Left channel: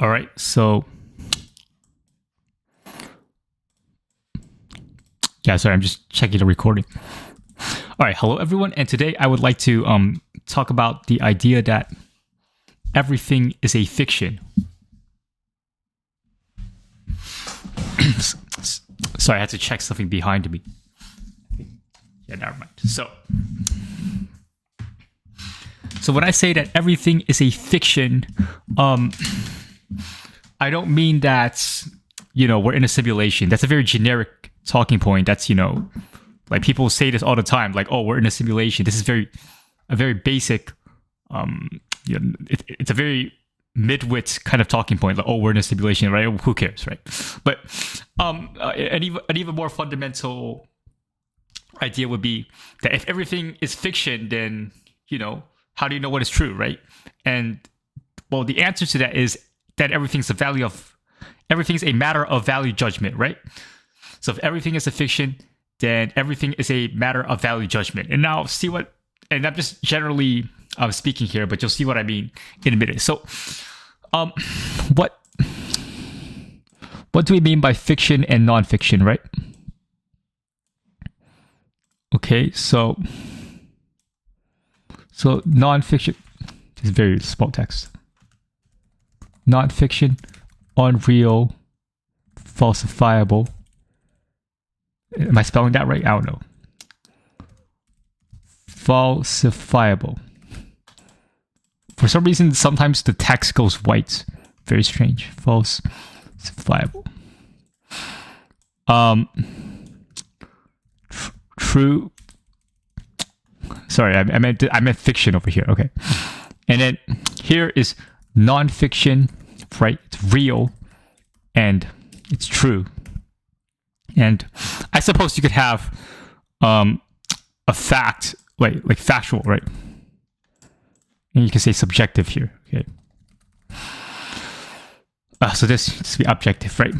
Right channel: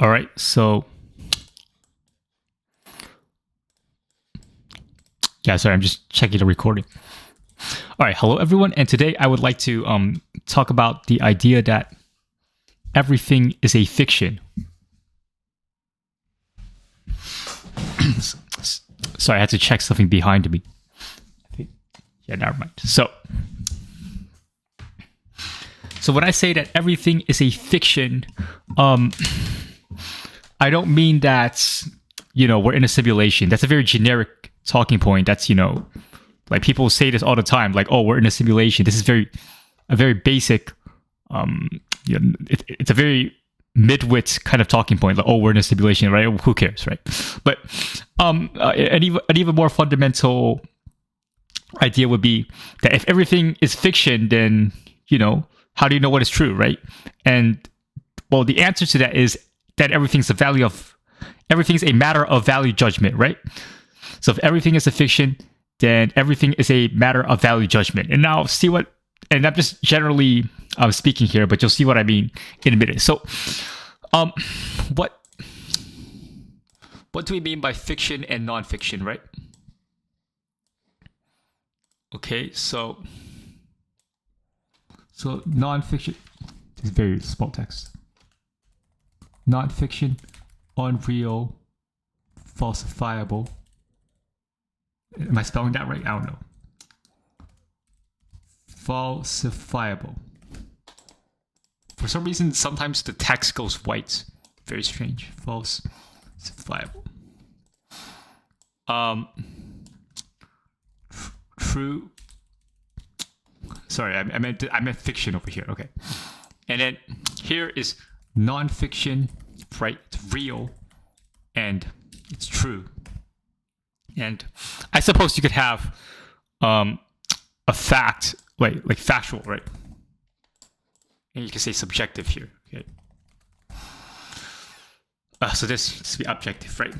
All right, so yeah, sorry, I'm just checking the recording. All right, hello everyone, and today I would like to talk about the idea that everything is a fiction. Sorry, I had to check something behind me. Yeah, never mind. So when I say that everything is a fiction, I don't mean that, we're in a simulation. That's a very generic talking point. That's, like people say this all the time, like, oh, we're in a simulation. This is a very basic, it's a very mid-wit kind of talking point. Like, oh, we're in a simulation, right? Who cares, right? But an even more fundamental idea would be that if everything is fiction, then, how do you know what is true, right? And, well, the answer to that is that everything's a matter of value judgment, right? So if everything is a fiction, then everything is a matter of value judgment. And now and I'm just generally speaking here, but you'll see what I mean in a minute. So what do we mean by fiction and non-fiction, right? Okay, so non-fiction is very small text. Non-fiction, unreal, falsifiable. Am I spelling that right? I don't know. Falsifiable. For some reason, sometimes the text goes white. Very strange. Falsifiable. True. Sorry, I meant fiction over here. Okay, and then here is non-fiction, right? It's real, and it's true. And I suppose you could have a fact, like factual, right? And you can say subjective here. Okay. So this be objective, right?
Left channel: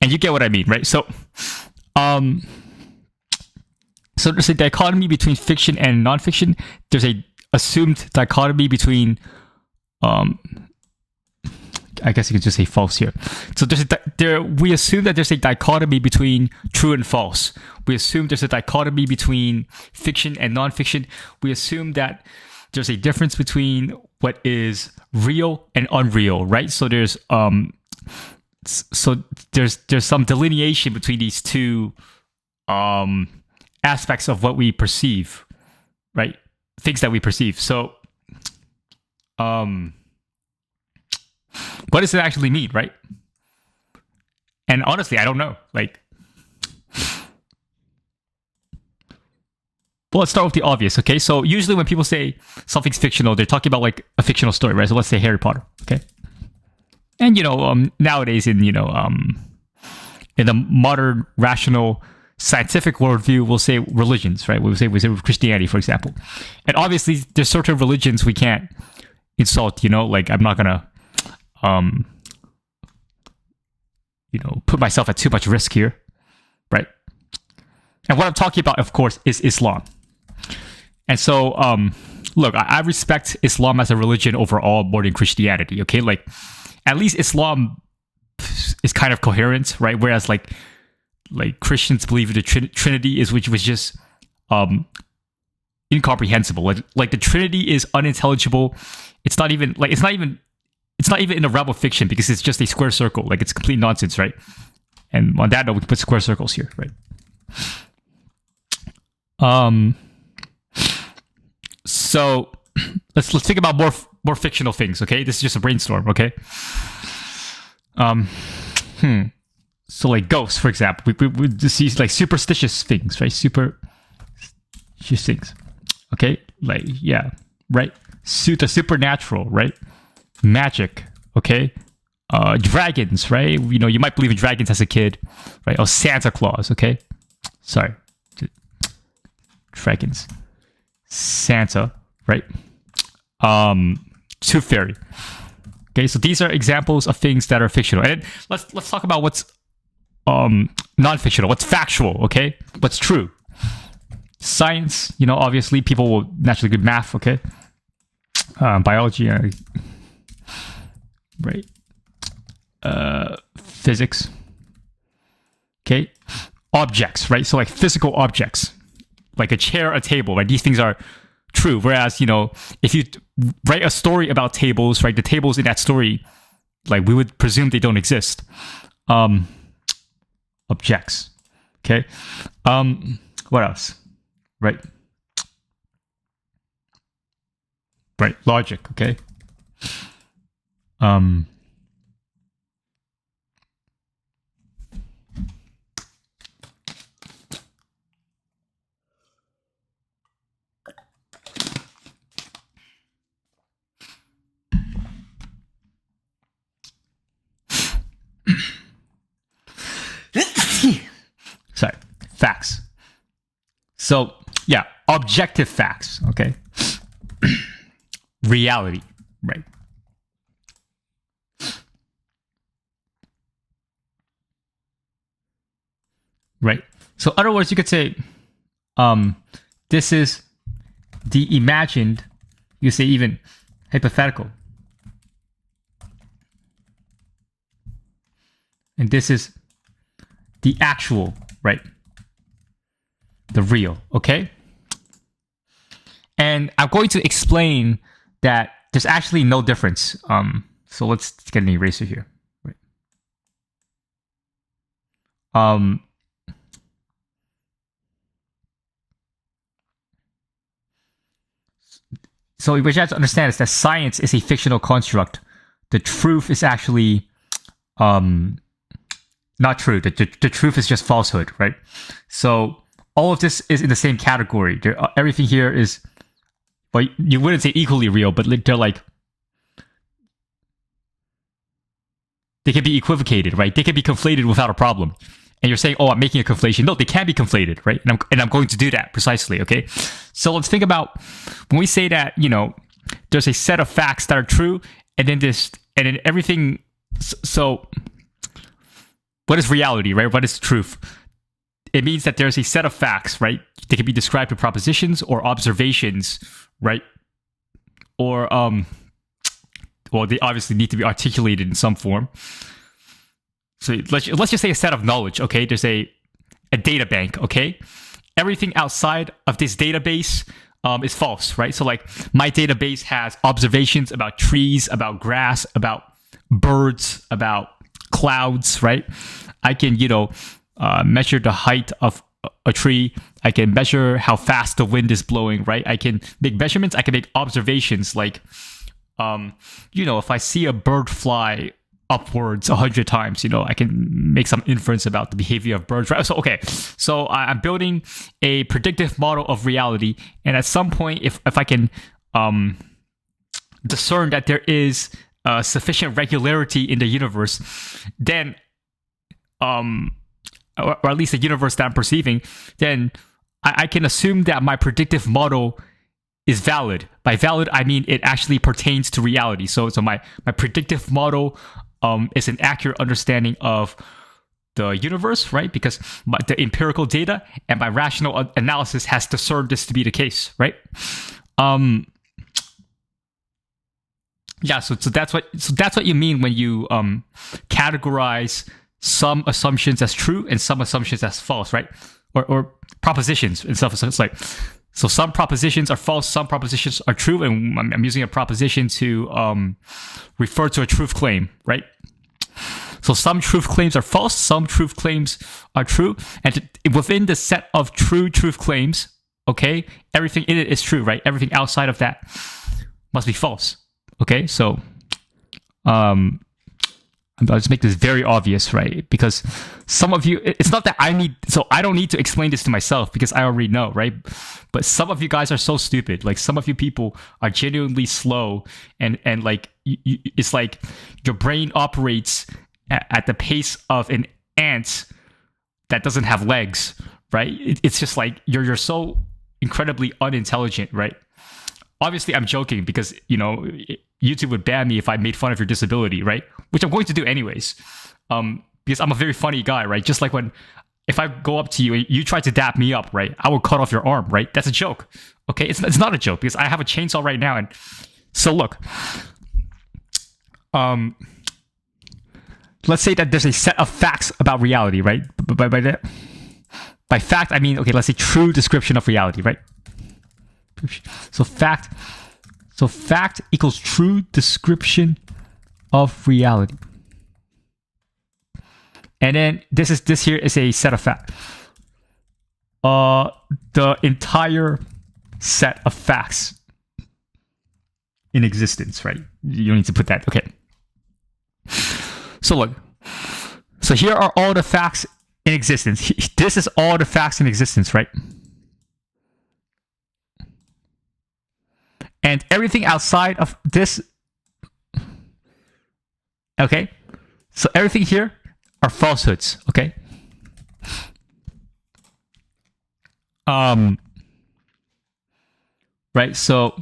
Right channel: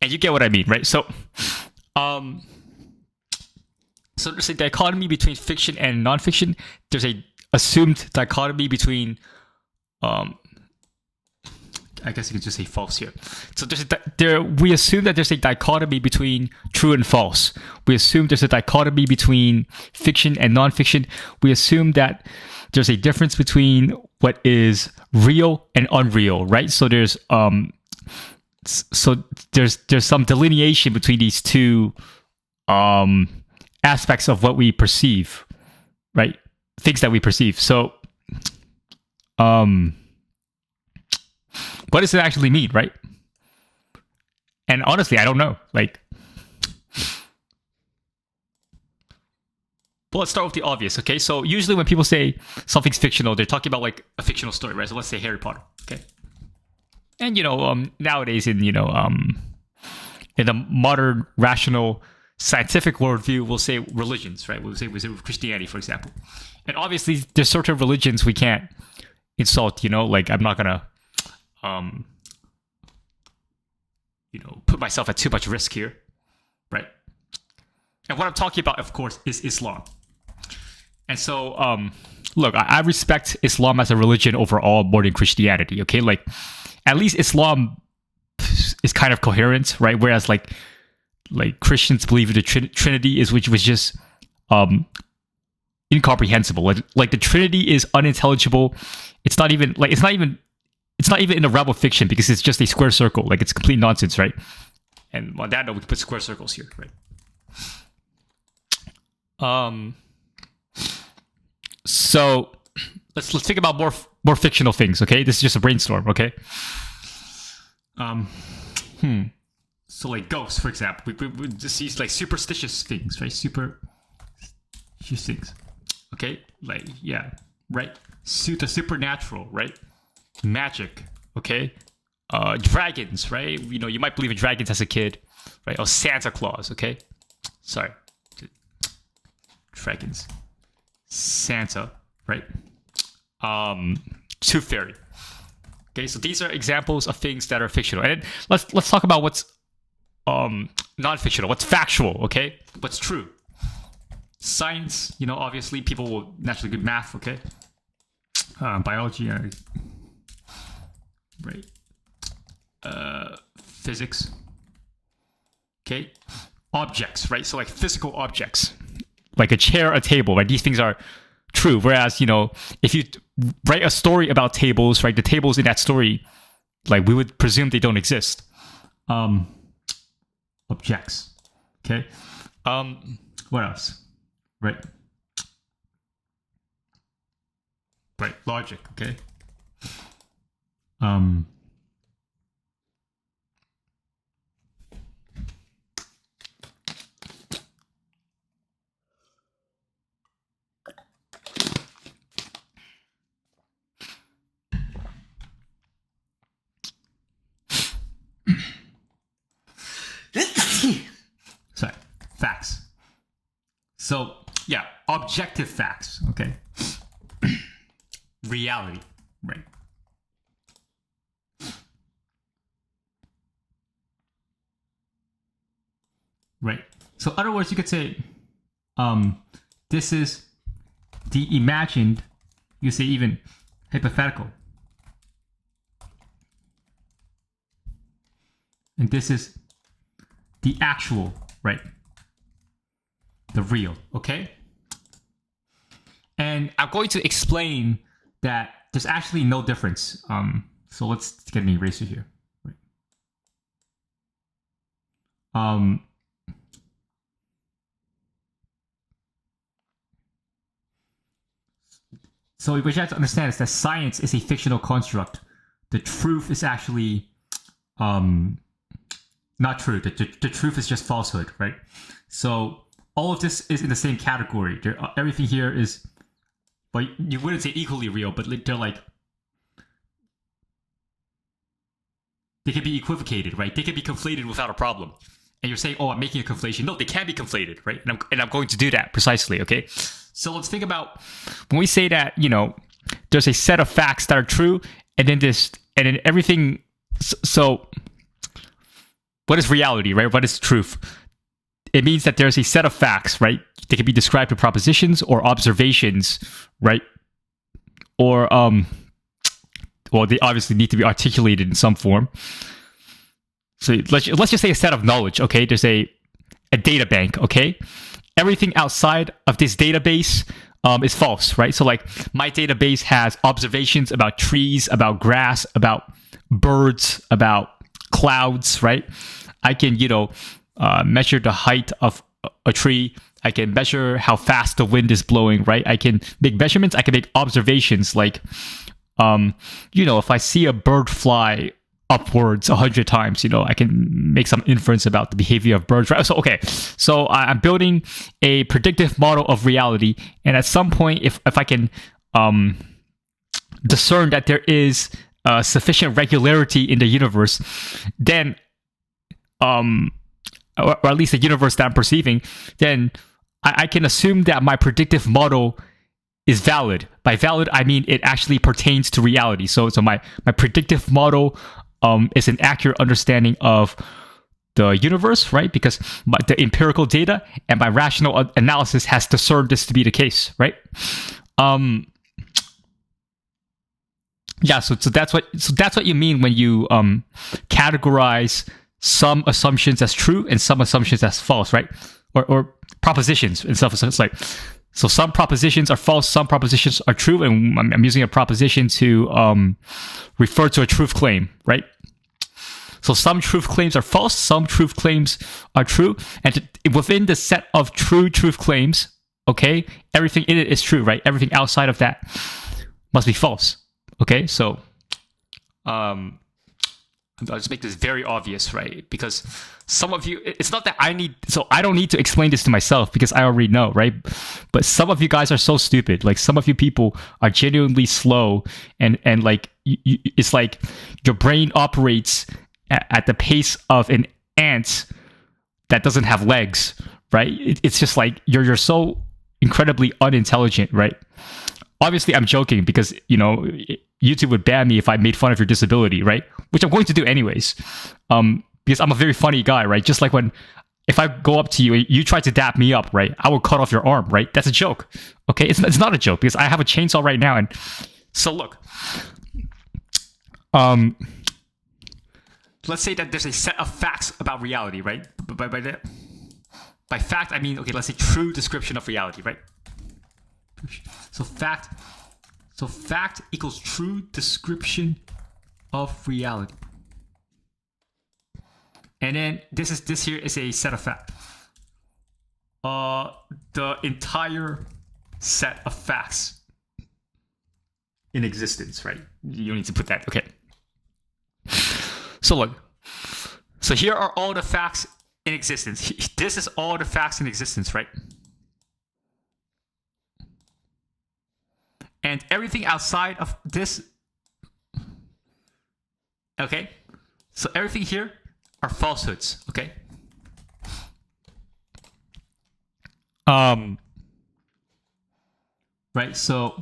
And you get what I mean, right? So there's a dichotomy between fiction and non-fiction. There's a assumed dichotomy between, I guess you could just say false here. So we assume that there's a dichotomy between true and false. We assume there's a dichotomy between fiction and non-fiction. We assume that there's a difference between what is real and unreal, right? So there's some delineation between these two aspects of what we perceive, right? Things that we perceive. So what does it actually mean, right? And honestly, I don't know. Well, let's start with the obvious, okay? So usually when people say something's fictional, they're talking about like a fictional story, right? So let's say Harry Potter, okay? And nowadays in the modern rational scientific worldview, we'll say religions, right? We say Christianity, for example. And obviously there's certain religions we can't insult, like I'm not gonna put myself at too much risk here, right? And what I'm talking about, of course, is Islam. And so, look, I respect Islam as a religion overall more than Christianity, okay? Like, at least Islam is kind of coherent, right? Whereas, like Christians believe in the Trinity, which was just incomprehensible. Like the Trinity is unintelligible. It's not even in the realm of fiction because it's just a square circle. Like it's complete nonsense, right? And on that note, we can put square circles here, right? So let's think about more fictional things, okay? This is just a brainstorm, okay? So like ghosts, for example, we just see like superstitious things, right? Superstitious things, okay? Like right? The supernatural, right? Magic, okay? Dragons, right? You might believe in dragons as a kid, right? Oh, Santa Claus, okay? Sorry. Dragons. Santa, right? Tooth Fairy. Okay, so these are examples of things that are fictional. And let's talk about what's non-fictional, what's factual, okay? What's true. Science, obviously people will naturally do math, okay? Biology, right? physics. Okay, objects, right? So like physical objects, like a chair, a table, right? These things are true. Whereas, you know, if you write a story about tables, right, the tables in that story, like we would presume they don't exist. Objects. Okay. What else? Right. Right. Logic. Okay. Sorry, facts. So yeah, objective facts. Okay. Reality, right? Right. So, in other words, you could say, this is the imagined. You say even hypothetical, and this is the actual, right? The real, okay? And I'm going to explain that there's actually no difference. So let's get an eraser here. Right. So what you have to understand is that science is a fictional construct. The truth is actually not true. The truth is just falsehood, right? So all of this is in the same category. Everything here is, well, you wouldn't say equally real, but they're like, they can be equivocated, right? They can be conflated without a problem. And you're saying, oh, I'm making a conflation. No, they can be conflated, right? And I'm going to do that precisely, okay? So let's think about when we say that, you know, there's a set of facts that are true, and then everything. So what is reality, right? What is truth? It means that there's a set of facts, right? They can be described with propositions or observations, right? Or well, they obviously need to be articulated in some form. So let's just say a set of knowledge, okay? There's a data bank, okay? Everything outside of this database is false, right? So like my database has observations about trees, about grass, about birds, about clouds, right? I can, you know, measure the height of a tree. I can measure how fast the wind is blowing, right? I can make measurements. I can make observations like, you know, if I see a bird fly upwards 100 times, you know, I can make some inference about the behavior of birds, right? So, okay, so I'm building a predictive model of reality, and at some point, if I can discern that there is sufficient regularity in the universe, then, or at least the universe that I'm perceiving, then I can assume that my predictive model is valid. By valid, I mean it actually pertains to reality. So my predictive model is an accurate understanding of the universe, right? Because the empirical data and my rational analysis has discerned this to be the case, right? Yeah, so that's what you mean when you categorize some assumptions as true and some assumptions as false, right? Or propositions and stuff. So it's like, so some propositions are false, some propositions are true, and I'm using a proposition to refer to a truth claim, right? So some truth claims are false, some truth claims are true, and within the set of true truth claims, okay, everything in it is true, right? Everything outside of that must be false, okay? So I'll just make this very obvious, right? Because some of you, it's not that I don't need to explain this to myself because I already know, right? But some of you guys are so stupid. Like some of you people are genuinely slow, and like it's like your brain operates at the pace of an ant that doesn't have legs, right? It's just like you're so incredibly unintelligent, right? Obviously, I'm joking because, you know, YouTube would ban me if I made fun of your disability, right? Which I'm going to do anyways, because I'm a very funny guy, right? Just like if I go up to you and you try to dap me up, right? I will cut off your arm, right? That's a joke, okay? It's not a joke because I have a chainsaw right now, and so look, let's say that there's a set of facts about reality, right? By fact, I mean, okay, let's say true description of reality, right? So fact equals true description of reality. And then this here is a set of facts. The entire set of facts in existence, right? You don't need to put that. Okay. So look. So here are all the facts in existence. This is all the facts in existence, right? And everything outside of this, okay? So everything here are falsehoods, okay? Right, so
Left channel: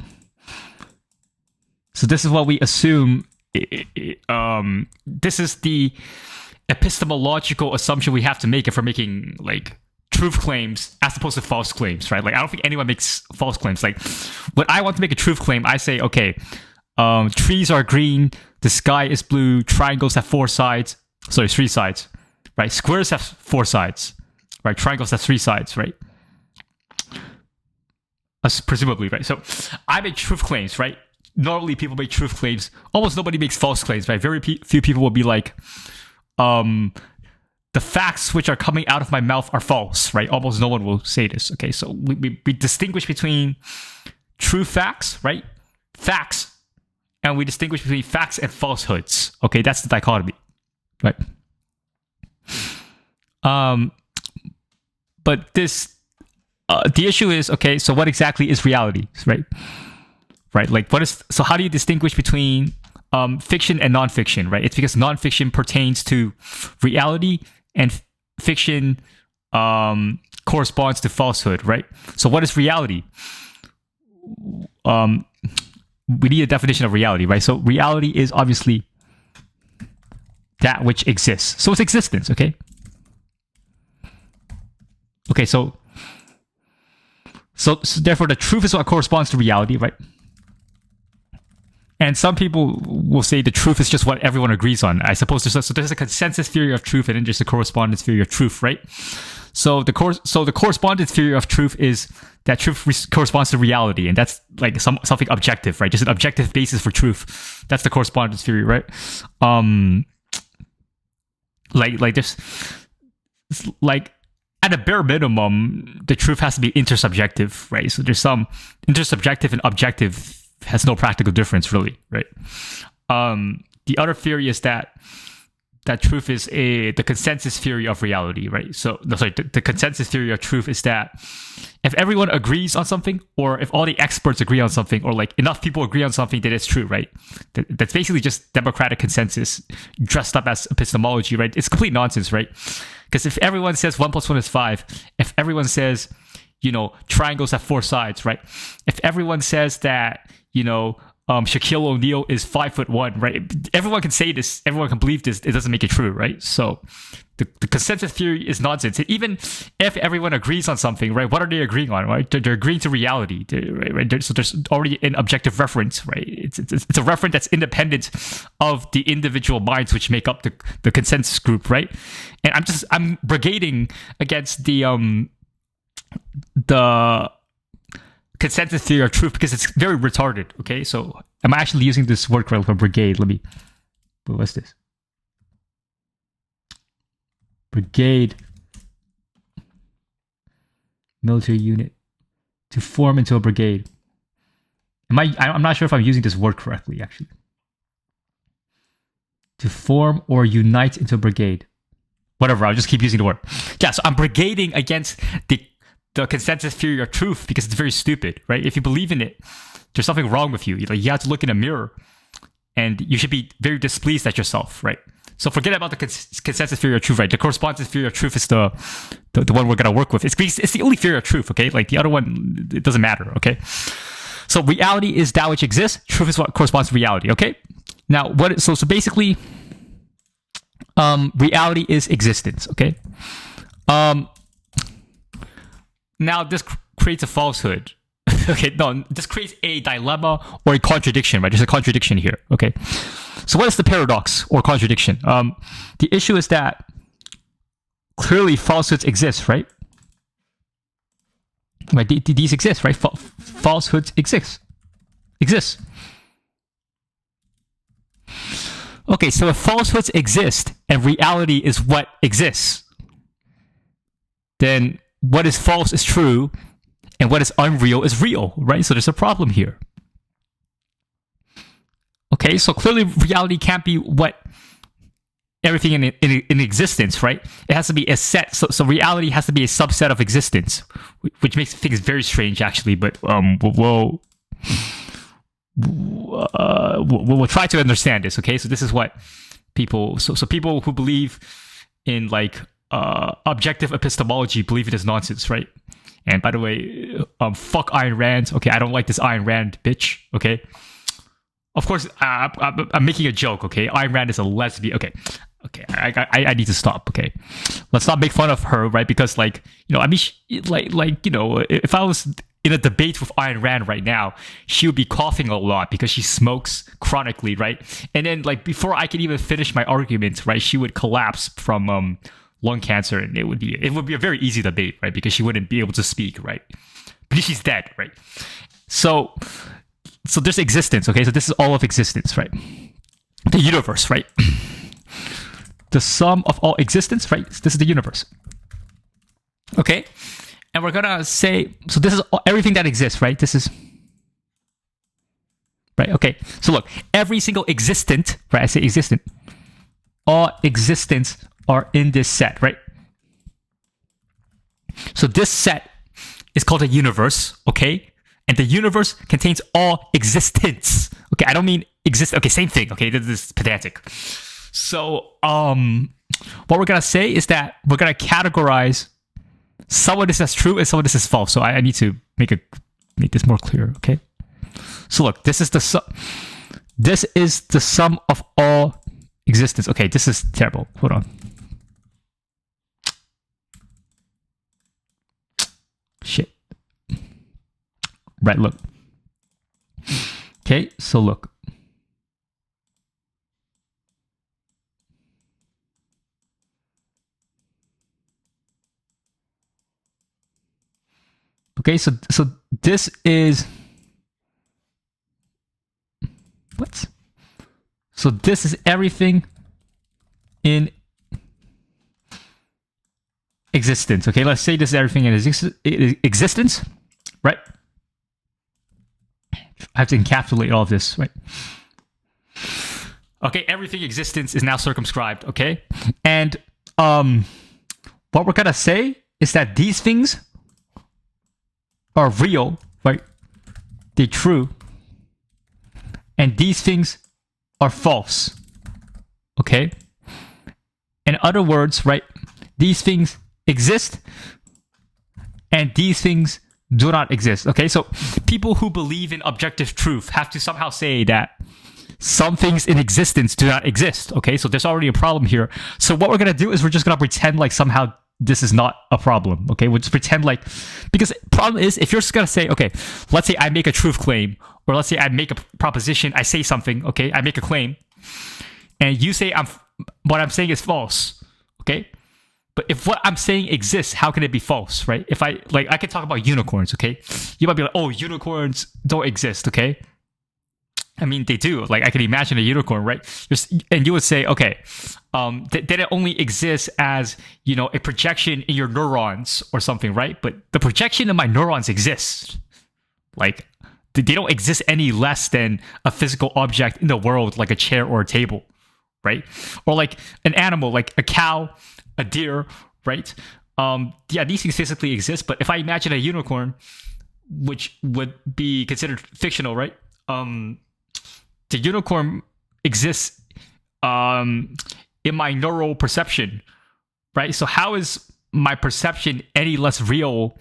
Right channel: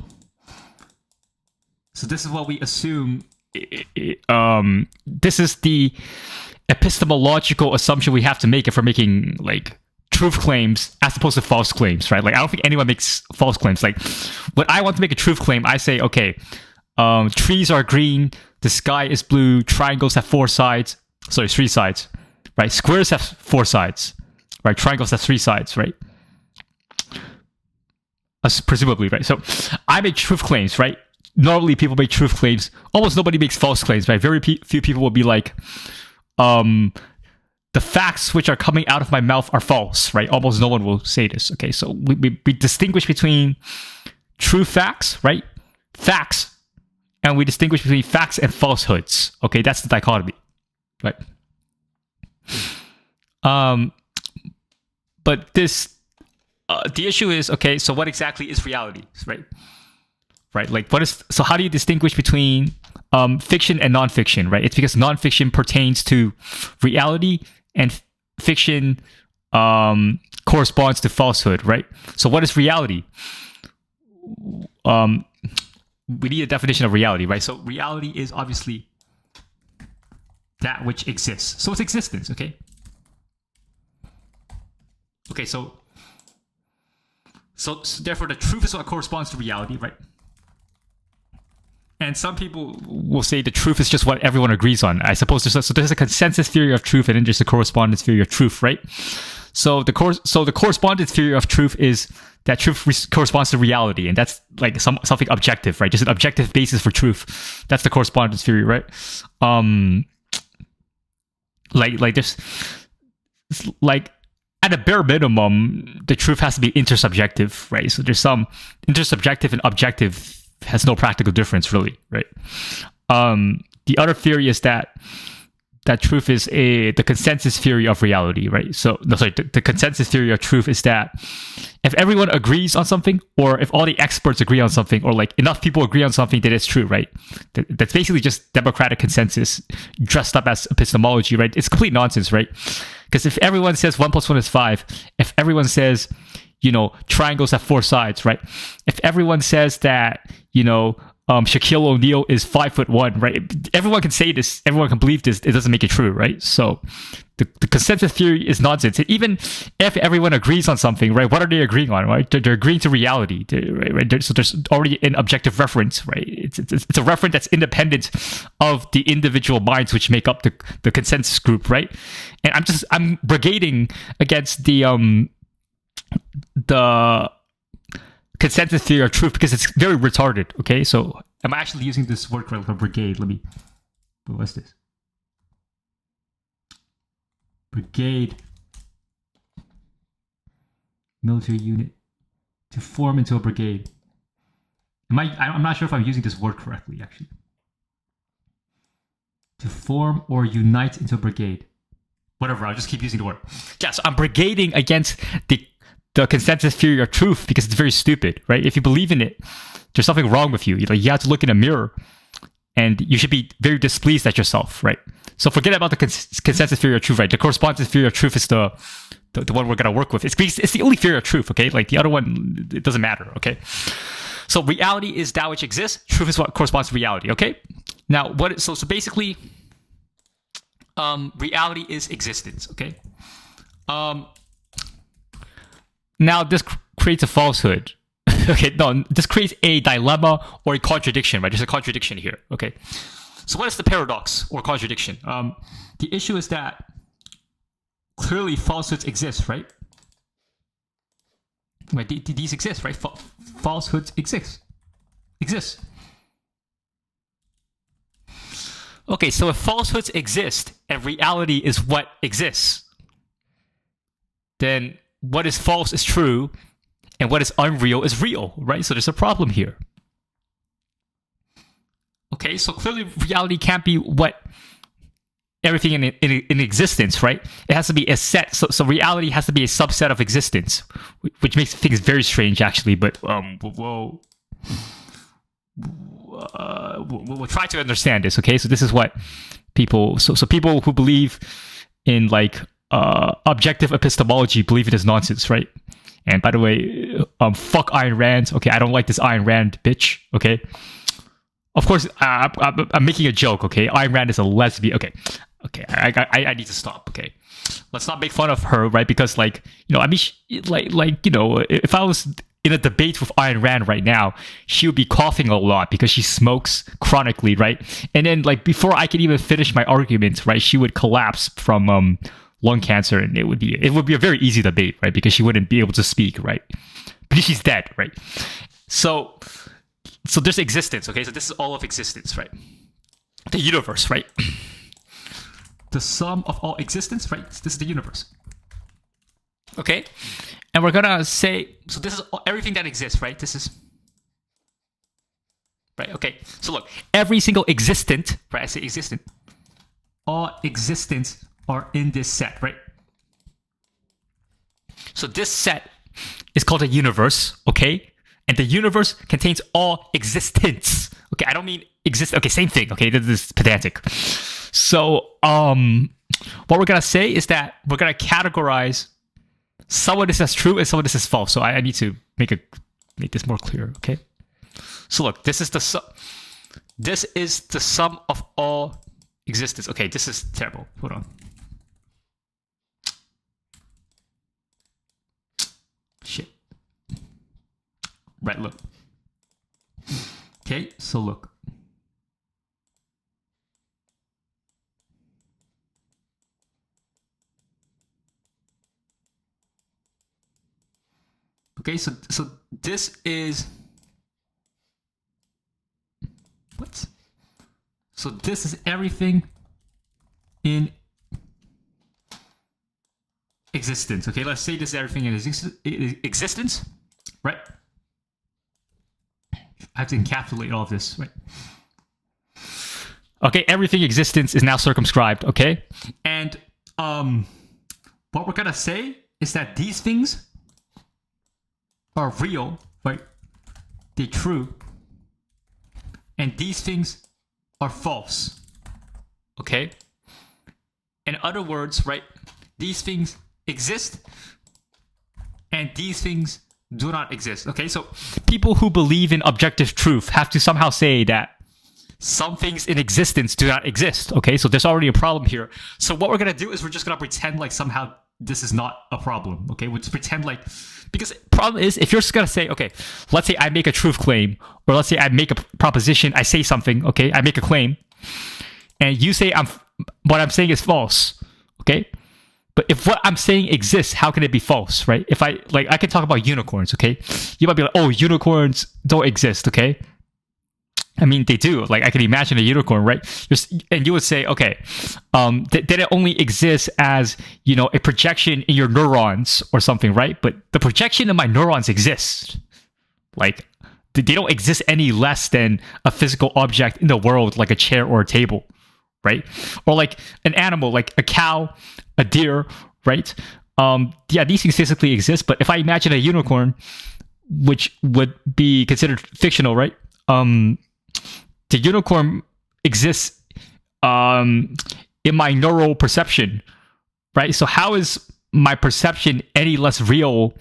this is what we assume. This is the epistemological assumption we have to make if we're making like truth claims as opposed to false claims, right? Like I don't think anyone makes false claims. Like when I want to make a truth claim, I say, okay, trees are green, the sky is blue, triangles have 3 sides, right? Squares have 4 sides, right? Triangles have 3 sides, right? Presumably, right? So I make truth claims, right? Normally people make truth claims. Almost nobody makes false claims, right? Very few people will be like, the facts which are coming out of my mouth are false, right? Almost no one will say this, okay? So we distinguish between true facts, right? Facts. And we distinguish between facts and falsehoods, okay? That's the dichotomy, right? But this, the issue is, okay, so what exactly is reality, right? Right, like so how do you distinguish between fiction and nonfiction, right? It's because nonfiction pertains to reality and fiction corresponds to falsehood, right? So what is reality? We need a definition of reality, right? So reality is obviously that which exists. So it's existence, okay? Okay, so therefore the truth is what corresponds to reality, right? And some people will say the truth is just what everyone agrees on. I suppose there's a consensus theory of truth and then there's a correspondence theory of truth, right? So the correspondence theory of truth is that truth corresponds to reality, and that's like something objective, right? Just an objective basis for truth. That's the correspondence theory, right? Like this, like at a bare minimum, the truth has to be intersubjective, right? So there's some intersubjective and objective has no practical difference, really, right? The other theory is that truth is the consensus theory of reality, right? So, no, sorry, the consensus theory of truth is that if everyone agrees on something, or if all the experts agree on something, or like enough people agree on something, that it's true, right? That's basically just democratic consensus dressed up as epistemology, right? It's complete nonsense, right? Because if everyone says 1 + 1 is 5, if everyone says, triangles have 4 sides, right? If everyone says that, Shaquille O'Neal is 5'1", right? Everyone can say this, everyone can believe this, it doesn't make it true, right? So the consensus theory is nonsense. Even if everyone agrees on something, right, what are they agreeing on, right? They're agreeing to reality, right? So there's already an objective reference, right? It's a reference that's independent of the individual minds which make up the consensus group, right? And I'm brigading against the consensus theory of truth because it's very retarded, okay? So am I actually using this word correctly for brigade? What's this? Brigade. Military unit. To form into a brigade. I'm not sure if I'm using this word correctly, actually. To form or unite into a brigade. Whatever, I'll just keep using the word. Yeah, so I'm brigading against the consensus theory of truth because it's very stupid, right? If you believe in it, there's something wrong with you. You have to look in a mirror and you should be very displeased at yourself, right? So forget about the consensus theory of truth, right? The correspondence theory of truth is the one we're going to work with. It's the only theory of truth, okay? Like the other one, it doesn't matter, okay? So reality is that which exists. Truth is what corresponds to reality, okay? Now, so basically, reality is existence, okay? Now, this creates a falsehood. Okay, no, this creates a dilemma or a contradiction, right? There's a contradiction here, okay? So what is the paradox or contradiction? The issue is that clearly falsehoods exist, right? Right, these exist, right? Falsehoods exist. Okay, so if falsehoods exist and reality is what exists, then what is false is true, and what is unreal is real, right? So there's a problem here. Okay, so clearly reality can't be what everything in existence, right? It has to be a set. So reality has to be a subset of existence, which makes things very strange, actually. But we'll try to understand this. Okay, so this is what people. So people who believe in like objective epistemology believe it is nonsense, right? And by the way, fuck Ayn Rand. Okay, I don't like this Ayn Rand bitch. Okay. Of course, I'm making a joke, okay? Ayn Rand is a lesbian. Okay, I need to stop, okay? Let's not make fun of her, right? Because, like, you know, I mean, you know, if I was in a debate with Ayn Rand right now, she would be coughing a lot because she smokes chronically, right? And then, like, before I could even finish my argument, right, she would collapse from lung cancer, and it would be a very easy debate, right? Because she wouldn't be able to speak, right? Because she's dead, right? So there's existence, okay? So this is all of existence, right? The universe, right? The sum of all existence, right? This is the universe. Okay? And we're gonna say, so this is everything that exists, right? This is, right? Okay. So look, every single existent, right? I say existent. All existents are in this set, right? So this set is called a universe, okay? And the universe contains all existence. Okay, I don't mean exist. Okay, same thing. Okay, this is pedantic. So, what we're gonna say is that we're gonna categorize some of this as true and some of this as false. So I need to make this more clear. Okay. So look, this is the sum of all existence. Okay, this is terrible. Hold on. Shit. Right, look. Okay, so look. Okay, so this is what? So this is everything in existence. Okay, let's say this is everything in existence, right? I have to encapsulate all of this, right? Okay, everything existence is now circumscribed, okay? And what we're gonna say is that these things are real, right? They're true. And these things are false. Okay? In other words, right? These things exist and these things do not exist. Okay? So people who believe in objective truth have to somehow say that some things in existence do not exist. Okay? So there's already a problem here. So what we're going to do is we're just going to pretend like somehow this is not a problem. Okay? We'll just pretend like, because problem is if you're just going to say, okay, let's say I make a truth claim, or let's say I make a proposition, I say something, okay? I make a claim, and you say what I'm saying is false. Okay? But if what I'm saying exists, how can it be false, right? If I could talk about unicorns, okay? You might be like, oh, unicorns don't exist, okay? I mean, they do. Like, I can imagine a unicorn, right? And you would say, okay, that it only exists as, you know, a projection in your neurons or something, right? But the projection in my neurons exists. Like, they don't exist any less than a physical object in the world, like a chair or a table, right? Or like an animal, like a cow, a deer, right? Yeah, these things physically exist. But if I imagine a unicorn, which would be considered fictional, right? The unicorn exists in my neural perception, right? So how is my perception any less real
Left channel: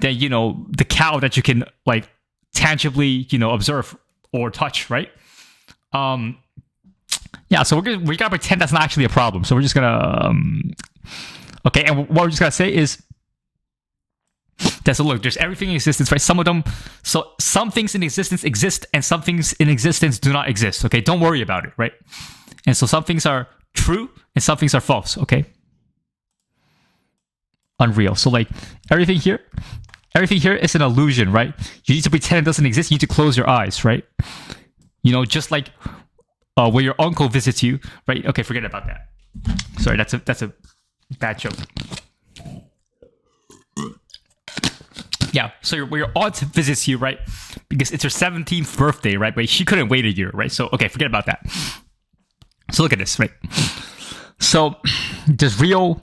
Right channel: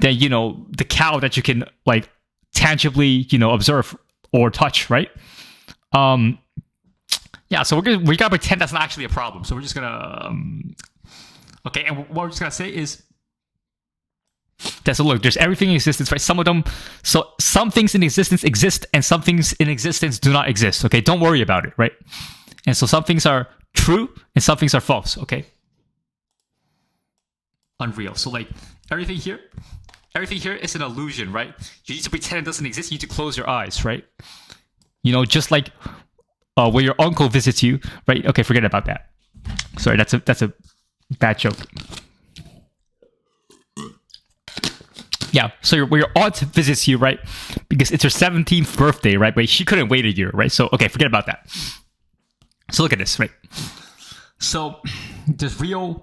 than, you know, the cow that you can like tangibly, you know, observe or touch, right? Yeah, so we gotta pretend that's not actually a problem. So we're just gonna okay, and what we're just gonna say is So look, there's everything in existence, right? Some of them, so some things in existence exist and some things in existence do not exist, okay? Don't worry about it, right? And so some things are true and some things are false, okay? Unreal. So like everything here is an illusion, right? You need to pretend it doesn't exist. You need to close your eyes, right? You know, just like when your uncle visits you, right? Okay, forget about that. Sorry, that's a bad joke. Yeah, so when your aunt visits you, right? Because it's her 17th birthday, right? But she couldn't wait a year, right? So, okay, forget about that. So look at this, right? So there's real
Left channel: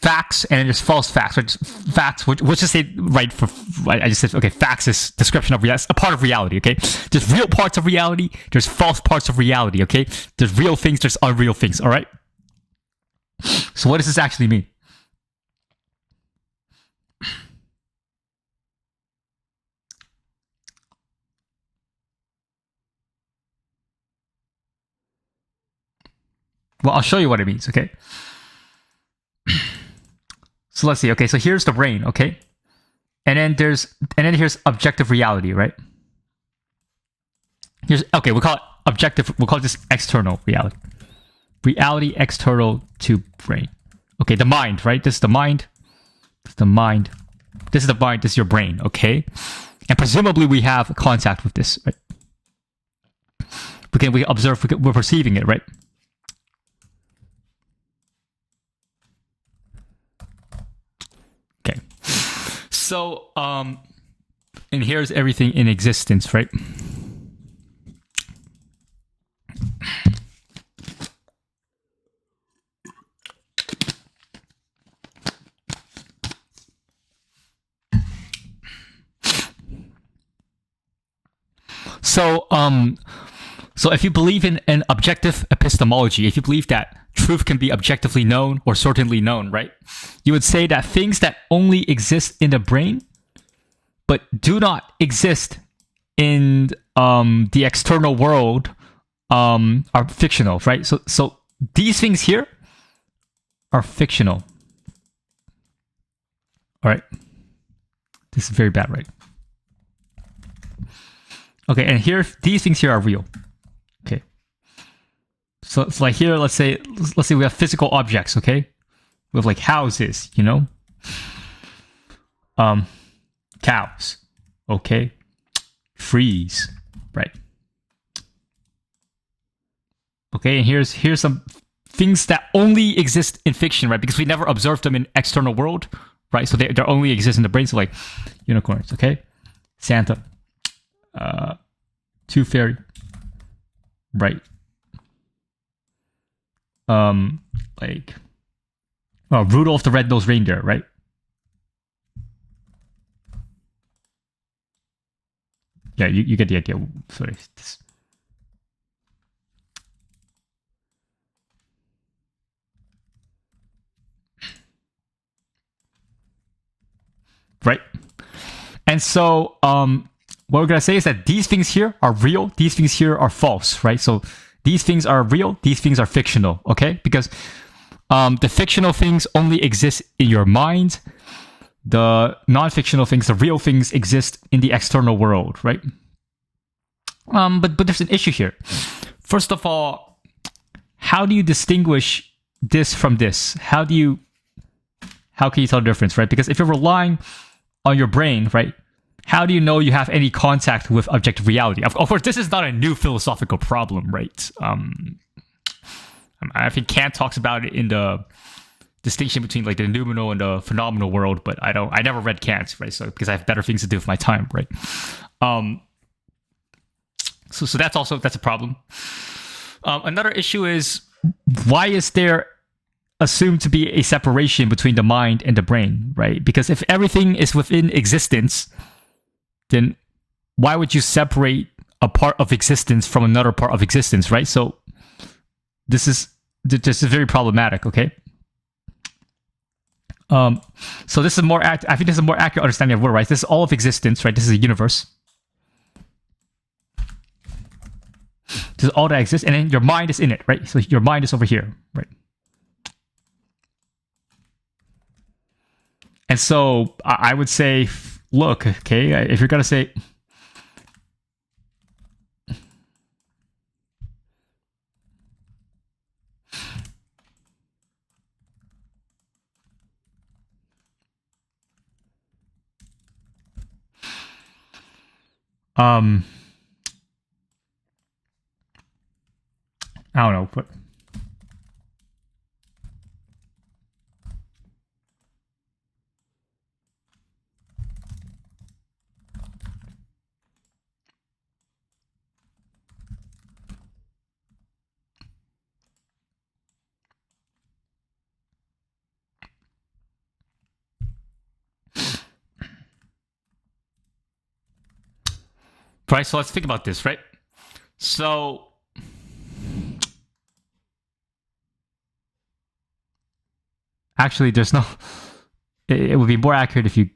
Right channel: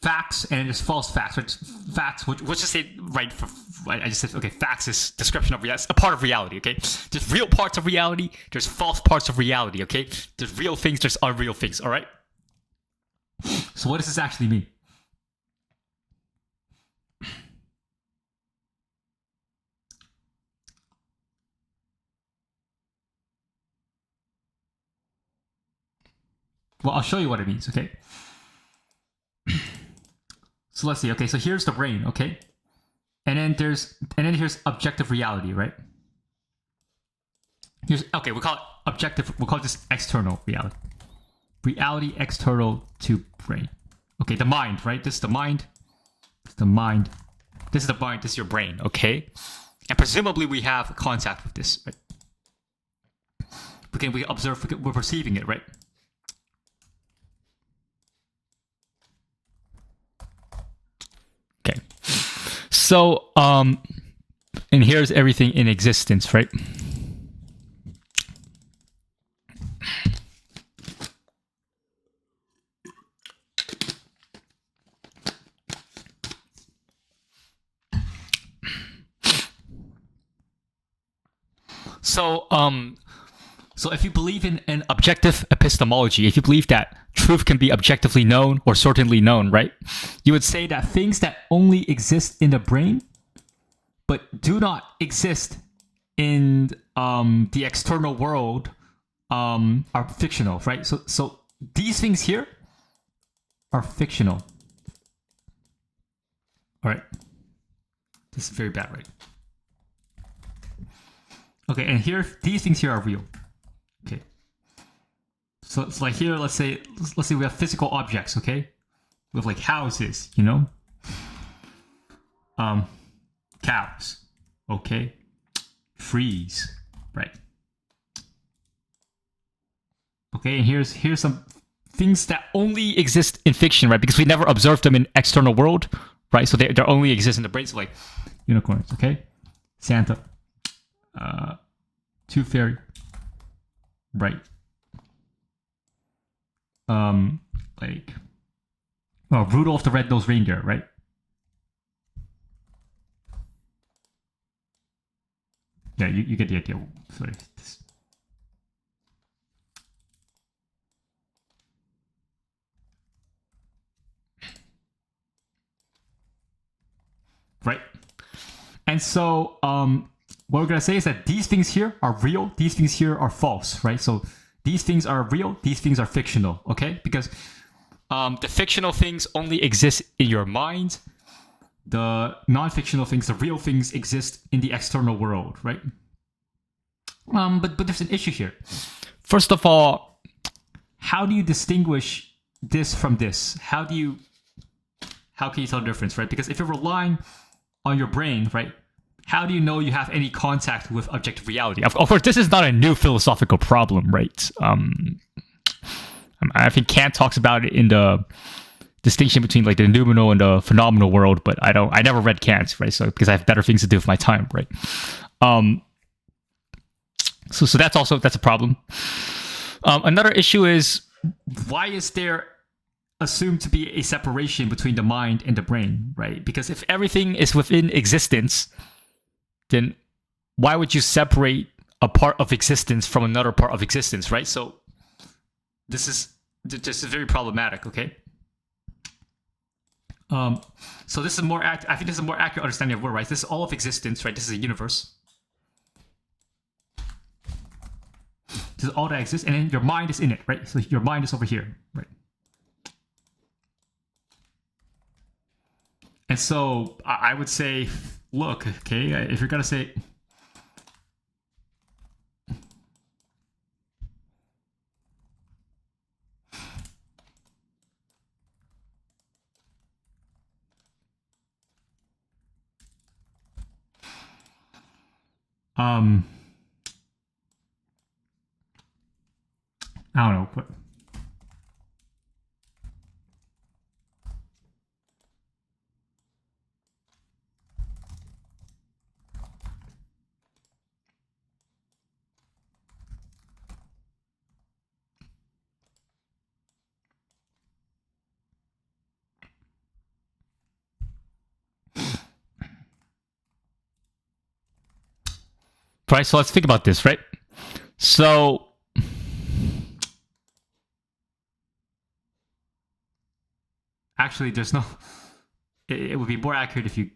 facts and there's false facts, right? Facts, which just say, right, I just said, okay, facts is description of reality, a part of reality, okay? There's real parts of reality, there's false parts of reality, okay? There's real things, there's unreal things, all right? So what does this actually mean? Well, I'll show you what it means, okay? So let's see, okay, so here's the brain, okay? And then here's objective reality, right? Okay, we'll call it objective, we'll call this external reality. Reality external to brain. Okay, the mind, right? This is the mind. This is the mind. This is the mind, this is your brain, okay? And presumably we have contact with this, right? We observe, we're perceiving it, right? Okay. So, and here's everything in existence, right? So if you believe in an objective epistemology, if you believe that truth can be objectively known or certainly known, right? You would say that things that only exist in the brain, but do not exist in the external world, are fictional, right? So these things here are fictional. All right. This is very bad, right? Okay, and here, these things here are real. Okay. So it's like here, let's say we have physical objects, okay? We have like houses, you know? Cows, okay? Trees, right? Okay, and here's some things that only exist in fiction, right? Because we never observed them in external world, right? So they only exist in the brain. So like unicorns, okay? Santa. Tooth Fairy, right? Like, Rudolph the Red-Nosed Reindeer, right? Yeah, you get the idea. Sorry. Right? And so, what we're going to say is that these things here are real, these things here are false, right? So these things are real, these things are fictional, okay? Because the fictional things only exist in your mind. The non-fictional things, the real things, exist in the external world, right? But there's an issue here. First of all, how do you distinguish this from this? How can you tell the difference, right? Because if you're relying on your brain, right? How do you know you have any contact with objective reality? Of course, this is not a new philosophical problem, right? I think Kant talks about it in the distinction between like the noumenal and the phenomenal world, but I never read Kant, right? So because I have better things to do with my time, right? So that's a problem. Another issue is, why is there assumed to be a separation between the mind and the brain, right? Because if everything is within existence, then why would you separate a part of existence from another part of existence, right? So this is very problematic, okay? So this is I think this is a more accurate understanding of world, right? This is all of existence, right? This is a universe. This is all that exists, and then your mind is in it, right? So your mind is over here, right? And so I would say, look, okay, if you're gonna say, I don't know, but right. So let's think about this, right? So actually, there's no. It would be more accurate if you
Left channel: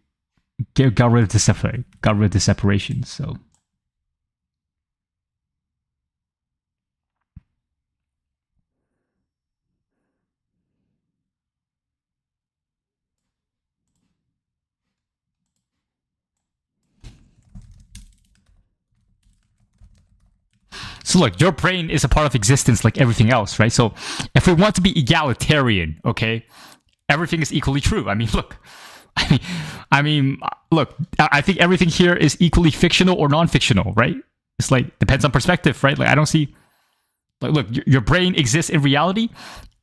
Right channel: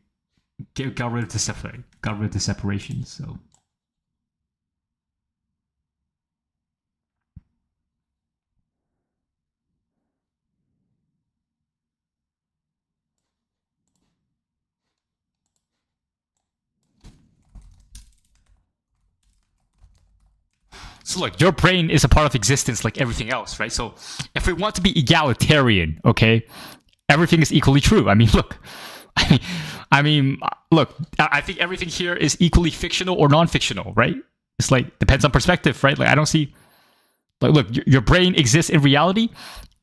got rid of the separation. So look, your brain is a part of existence like everything else, right? So if we want to be egalitarian, okay, everything is equally true. I mean, look, look, I think everything here is equally fictional or non-fictional, right? It's like depends on perspective, right? Like I don't see, like, look, your brain exists in reality.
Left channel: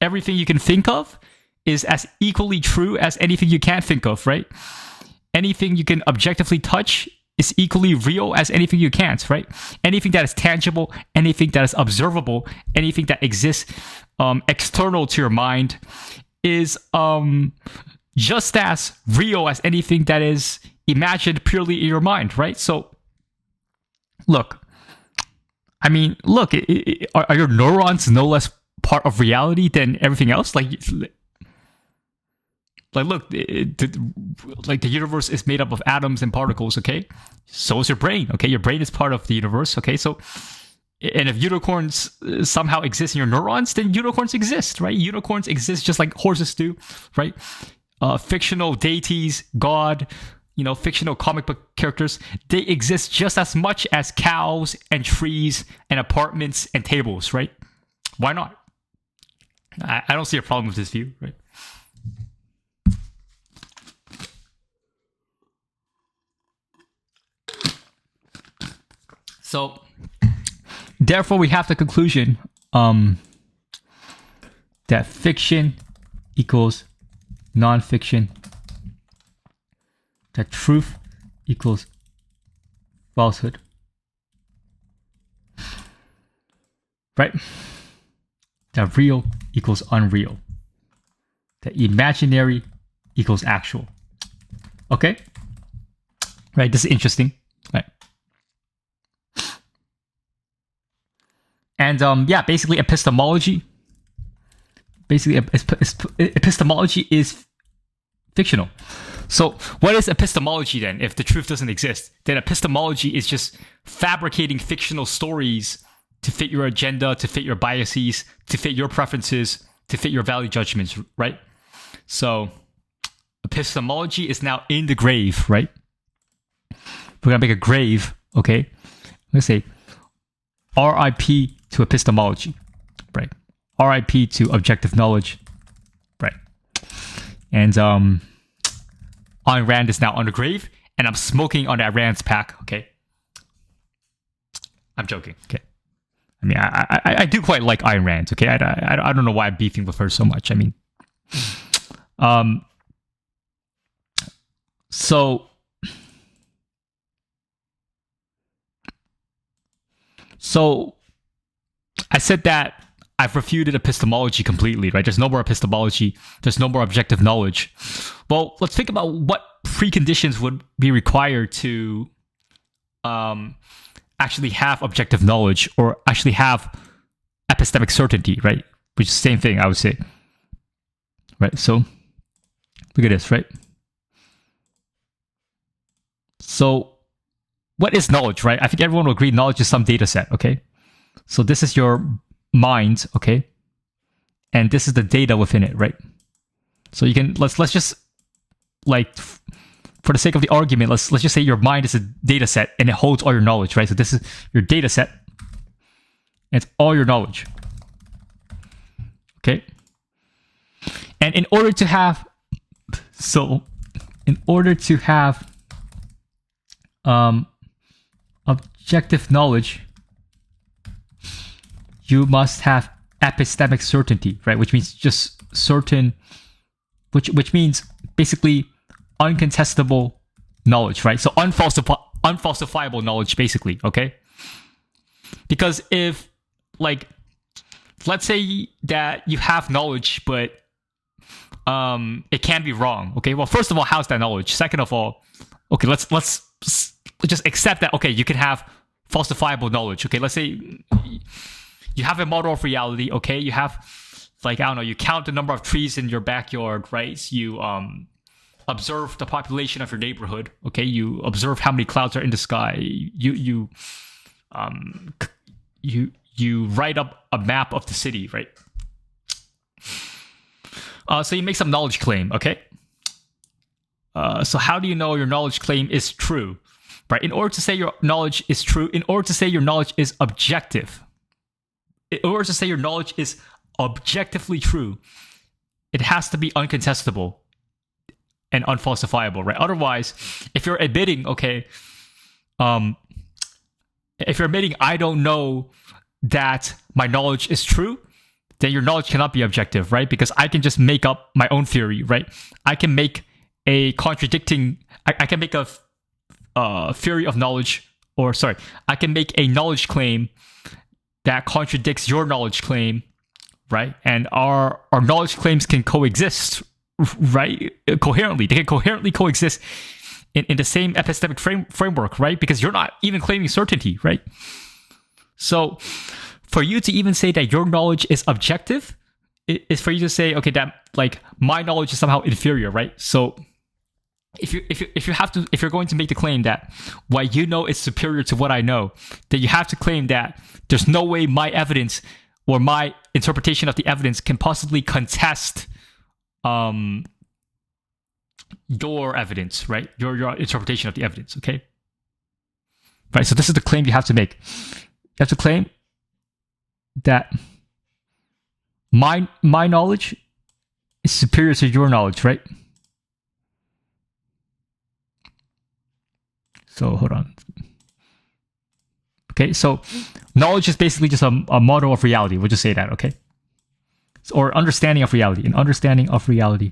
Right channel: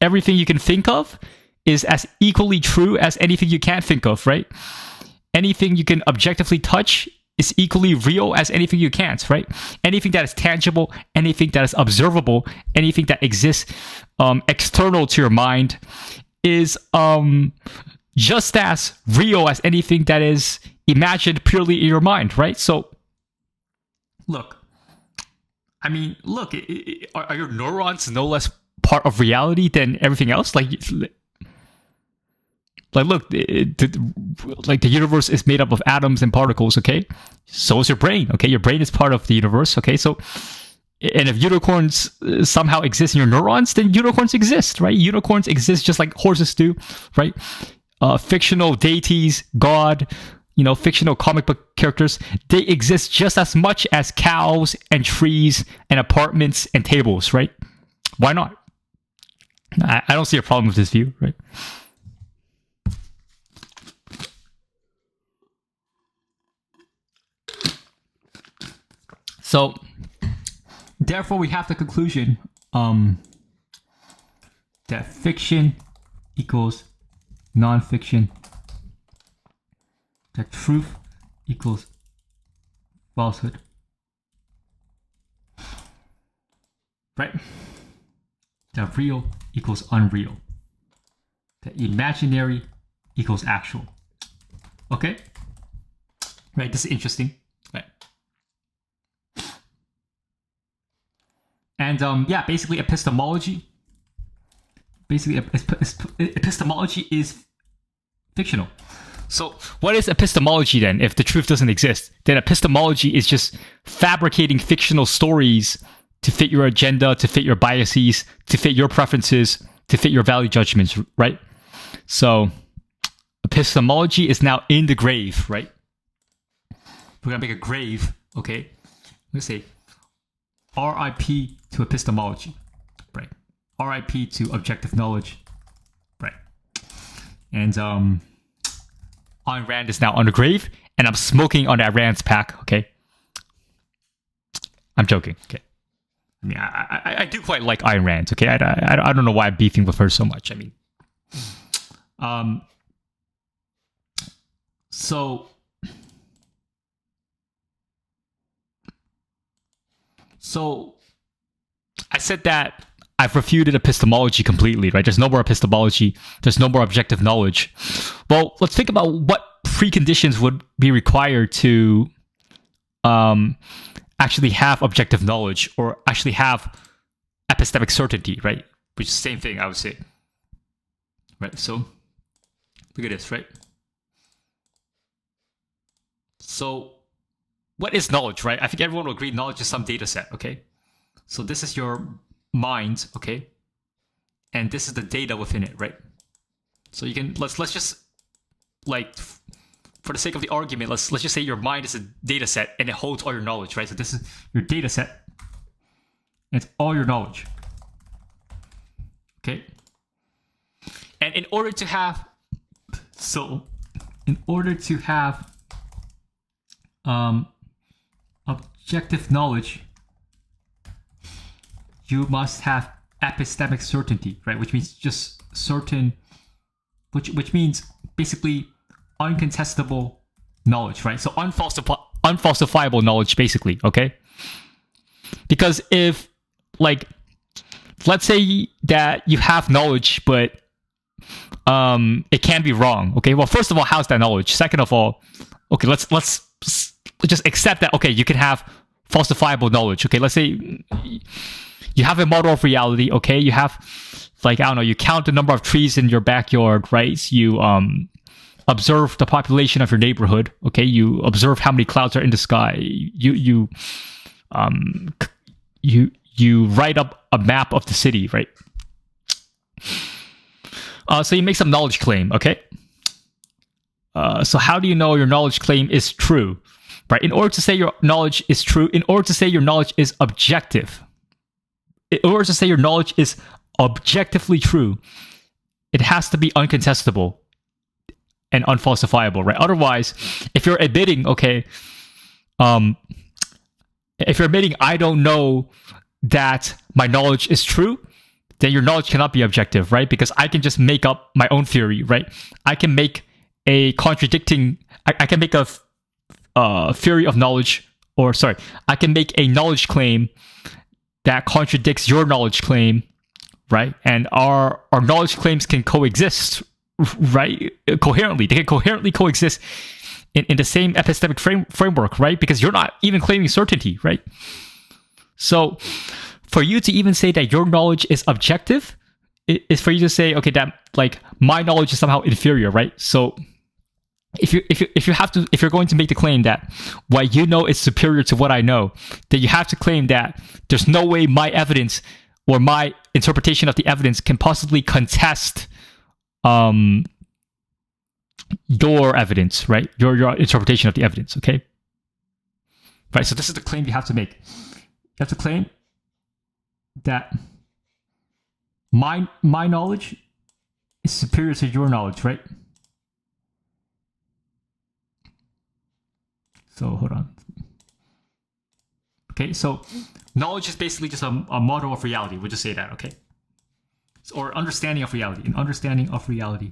Everything you can think of is as equally true as anything you can't think of, right? Anything you can objectively touch is equally real as anything you can't, right? Anything that is tangible, anything that is observable, anything that exists external to your mind is just as real as anything that is imagined purely in your mind, right? So, look, I mean, look, are your neurons no less part of reality than everything else? Like look, like the universe is made up of atoms and particles, okay? So is your brain, okay? Your brain is part of the universe, okay? So, and if unicorns somehow exist in your neurons, then unicorns exist, right? Unicorns exist just like horses do, right? Fictional deities, God, fictional comic book characters, they exist just as much as cows and trees and apartments and tables, right? Why not? I don't see a problem with this view, right? So, therefore, we have the conclusion that fiction equals non-fiction, that truth equals falsehood, right? That real equals unreal, that imaginary equals actual. Okay? Right, this is interesting, right? And yeah, basically epistemology. Epistemology is fictional. So what is epistemology then? If the truth doesn't exist, then epistemology is just fabricating fictional stories to fit your agenda, to fit your biases, to fit your preferences, to fit your value judgments, right? So epistemology is now in the grave, right? We're gonna make a grave, okay? Let's say RIP to epistemology, right? RIP to objective knowledge, right? And Ayn Rand is now on the grave, and I'm smoking on that Rand's pack, okay? I'm joking, okay? I mean, I do quite like Ayn Rand, okay? I don't know why I'm beefing with her so much. I mean, so I said that I've refuted epistemology completely, right? There's no more epistemology. There's no more objective knowledge. Well, let's think about what preconditions would be required to actually have objective knowledge or actually have epistemic certainty, right? Which is the same thing, I would say. Right, so look at this, right? So what is knowledge, right? I think everyone will agree knowledge is some data set, okay? So this is your mind, okay? And this is the data within it, right? So you can let's just like, for the sake of the argument, let's just say your mind is a data set and it holds all your knowledge, right? So this is your data set. It's all your knowledge. Okay. And in order to have objective knowledge, you must have epistemic certainty, right? Which means just certain, which means basically uncontestable knowledge, right? So unfalsifiable knowledge, basically, okay? Because if, like, let's say that you have knowledge, but it can be wrong, okay? Well, first of all, how's that knowledge? Second of all, okay, let's just accept that, okay, you can have falsifiable knowledge, okay? Let's say you have a model of reality, okay? You have, like, I don't know, you count the number of trees in your backyard, right? You observe the population of your neighborhood, okay? You observe how many clouds are in the sky. You write up a map of the city, right? So you make some knowledge claim, okay? So how do you know your knowledge claim is true, right? In order to say your knowledge is true, in order to say your knowledge is objective, in order to say your knowledge is objectively true, it has to be uncontestable and unfalsifiable, right? Otherwise, if you're admitting, okay, if you're admitting I don't know that my knowledge is true, then your knowledge cannot be objective, right? Because I can just make up my own theory, right? I can make a contradicting, I can make a theory of knowledge, or sorry, I can make a knowledge claim that contradicts your knowledge claim, right? And our knowledge claims can coexist, right? Coherently. They can coherently coexist in the same epistemic framework, right? Because you're not even claiming certainty, right? So for you to even say that your knowledge is objective is for you to say, okay, that, like, my knowledge is somehow inferior, right? So if you're going to make the claim that what you know is superior to what I know, then you have to claim that there's no way my evidence or my interpretation of the evidence can possibly contest your evidence, right? Your interpretation of the evidence, okay? Right, so this is the claim you have to make. You have to claim that my knowledge is superior to your knowledge, right? So hold on. Okay, so knowledge is basically just a model of reality. We'll just say that, okay? Or understanding of reality. An understanding of reality.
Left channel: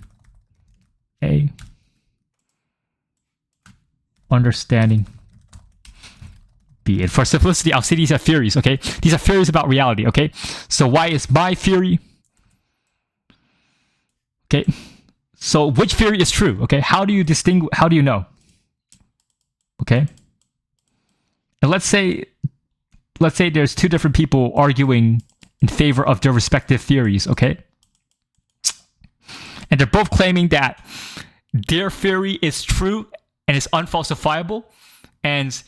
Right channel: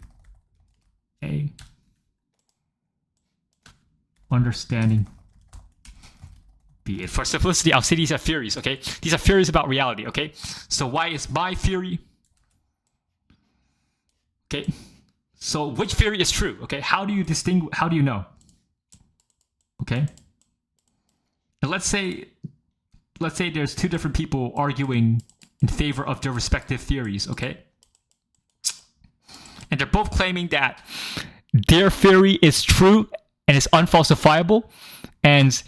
A understanding. B. And for simplicity, I'll say these are theories, okay? These are theories about reality, okay? So why is my theory? Okay. So which theory is true? Okay. How do you distinguish? How do you know? Okay. And let's say there's two different people arguing in favor of their respective theories, okay? And they're both claiming that their theory is true and is unfalsifiable. And,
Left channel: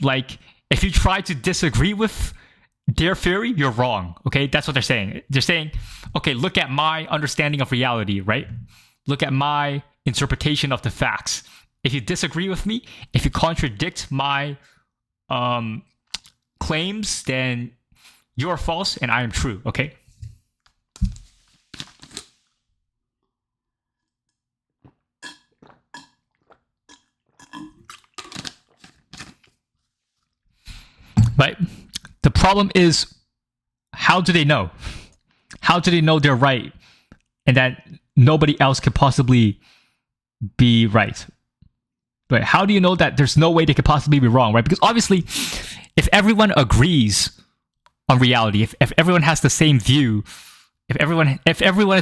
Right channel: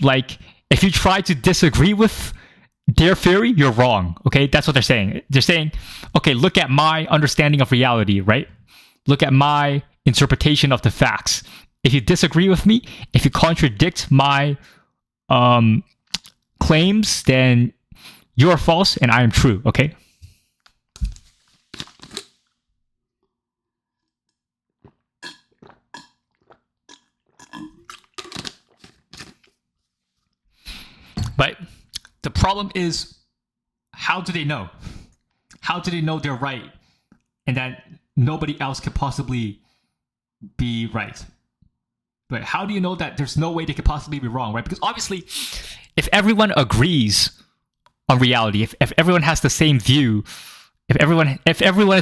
like, if you try to disagree with their theory, you're wrong, okay? That's what they're saying. They're saying, okay, look at my understanding of reality, right? Look at my interpretation of the facts. If you disagree with me, if you contradict my claims, then you're false and I am true, okay? But the problem is, how do they know? How do they know they're right and that nobody else could possibly be right? Right? How do you know that there's no way they could possibly be wrong, right? Because obviously, if everyone agrees on reality, if everyone has the same view, if everyone is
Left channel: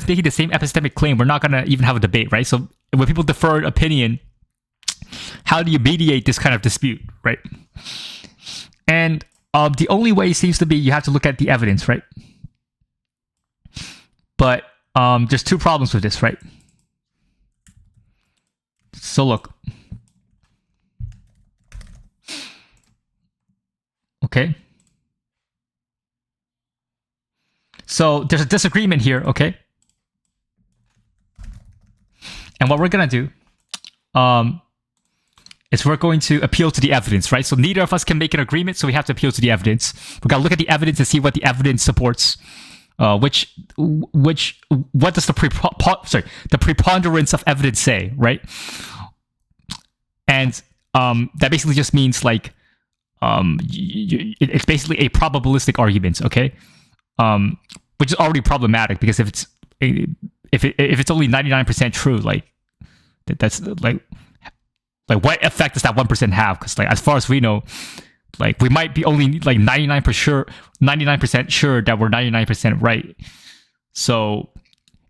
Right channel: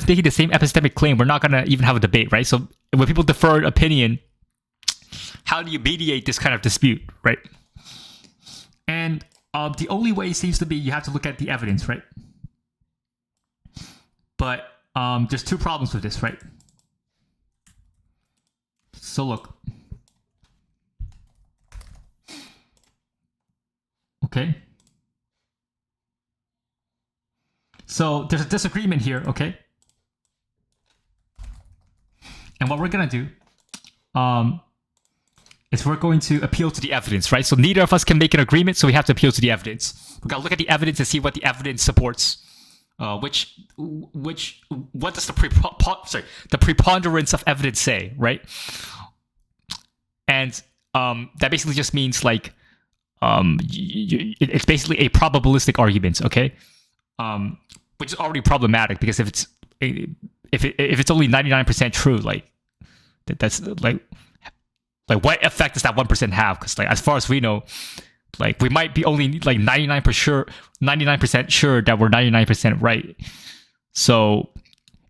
making the same epistemic claim, we're not going to even have a debate, right? So when people defer opinion, how do you mediate this kind of dispute, right? And the only way seems to be you have to look at the evidence, right? But there's two problems with this, right? So look. Okay. So there's a disagreement here, okay? And what we're going to do is we're going to appeal to the evidence, right? So neither of us can make an agreement, so we have to appeal to the evidence. We got to look at the evidence and see what the evidence supports. What does the preponderance of evidence say, right? And that basically just means like it's basically a probabilistic argument, okay? Which is already problematic because if it's only 99% true, like that's like what effect does that 1% have? Because like as far as we know, like we might be only like 99% sure that we're 99% right. So,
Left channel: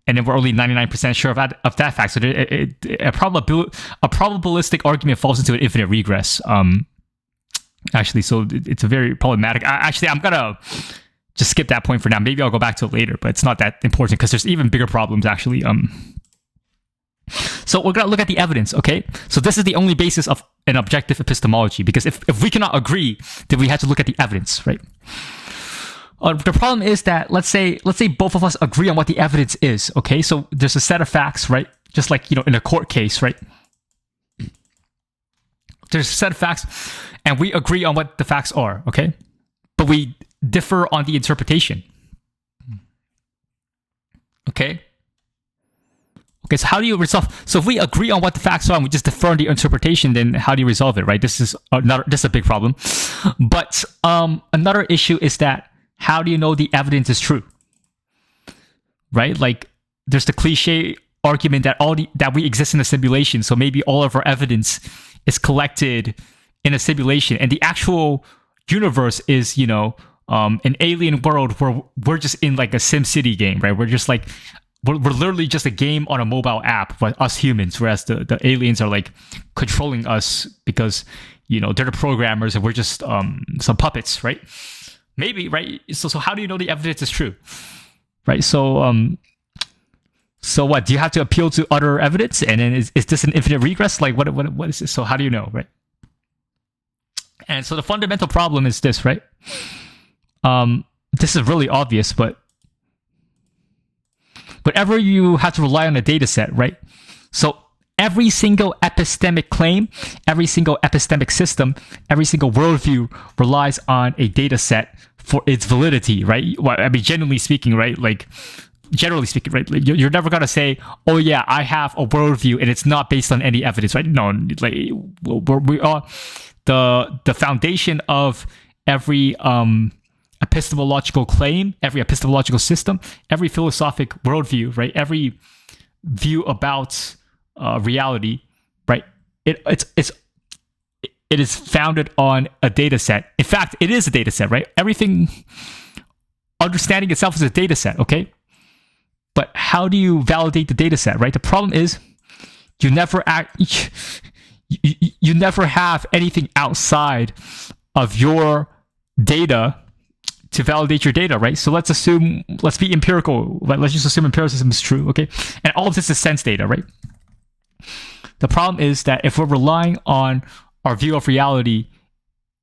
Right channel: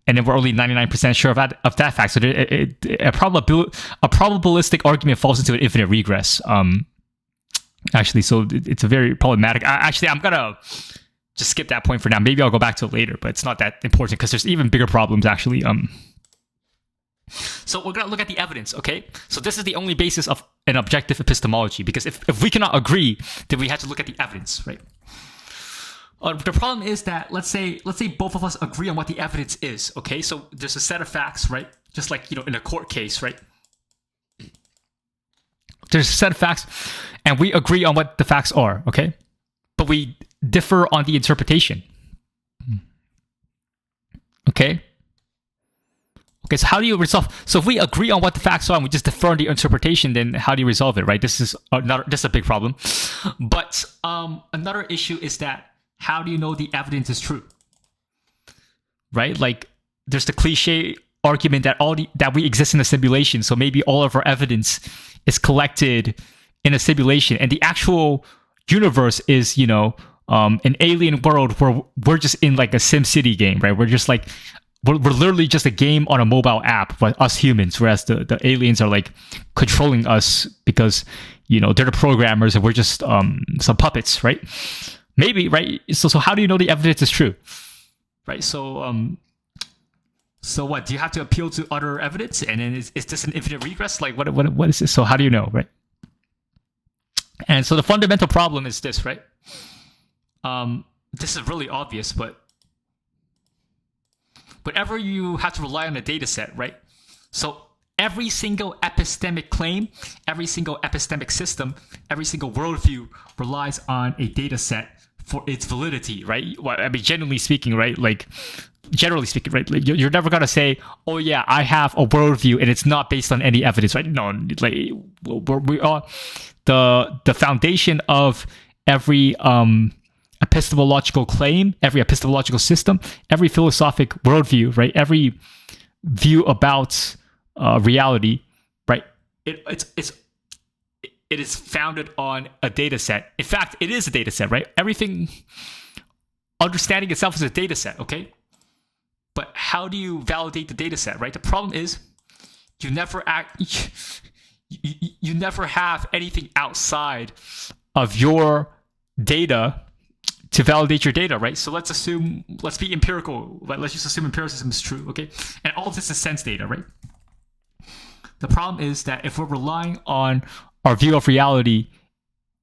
and then we're only 99% sure of that fact. So a probabilistic argument falls into an infinite regress. Actually, so it's a very problematic. Actually, I'm gonna just skip that point for now. Maybe I'll go back to it later, but it's not that important because there's even bigger problems actually. So we're going to look at the evidence, okay? So this is the only basis of an objective epistemology, because if we cannot agree, then we have to look at the evidence, right? The problem is that let's say both of us agree on what the evidence is, okay? So there's a set of facts, right? Just like, in a court case, right? There's a set of facts, and we agree on what the facts are, okay? But we differ on the interpretation. Okay, so how do you resolve? So if we agree on what the facts are and we just differ on the interpretation, then how do you resolve it, right? This is a big problem. But another issue is that how do you know the evidence is true? Right? Like there's the cliche argument that that we exist in a simulation, so maybe all of our evidence is collected in a simulation, and the actual universe is, an alien world where we're just in like a SimCity game, right? We're just like we're literally just a game on a mobile app, us humans, whereas the aliens are like controlling us because they're the programmers and we're just some puppets, right? Maybe, right? So how do you know the evidence is true, right? So what, do you have to appeal to other evidence, and then is this an infinite regress? Like what is this? So how do you know, right? And so the fundamental problem is this, right? This is really obvious, but whenever you have to rely on a data set, right? So every single epistemic claim, every single epistemic system, every single worldview relies on a data set for its validity, right? Well, I mean, generally speaking, right? Like, right? Like, you're never gonna say, "Oh yeah, I have a worldview and it's not based on any evidence," right? No, like we are the foundation of every epistemological claim, every epistemological system, every philosophic worldview, right? Every view about reality, right? It is founded on a data set. In fact, it is a data set, right? Everything, understanding itself is a data set, okay? But how do you validate the data set, right? The problem is you never have anything outside of your data to validate your data, right? So let's be empirical. Let's just assume empiricism is true, okay? And all of this is sense data, right? The problem is that if we're relying on our view of reality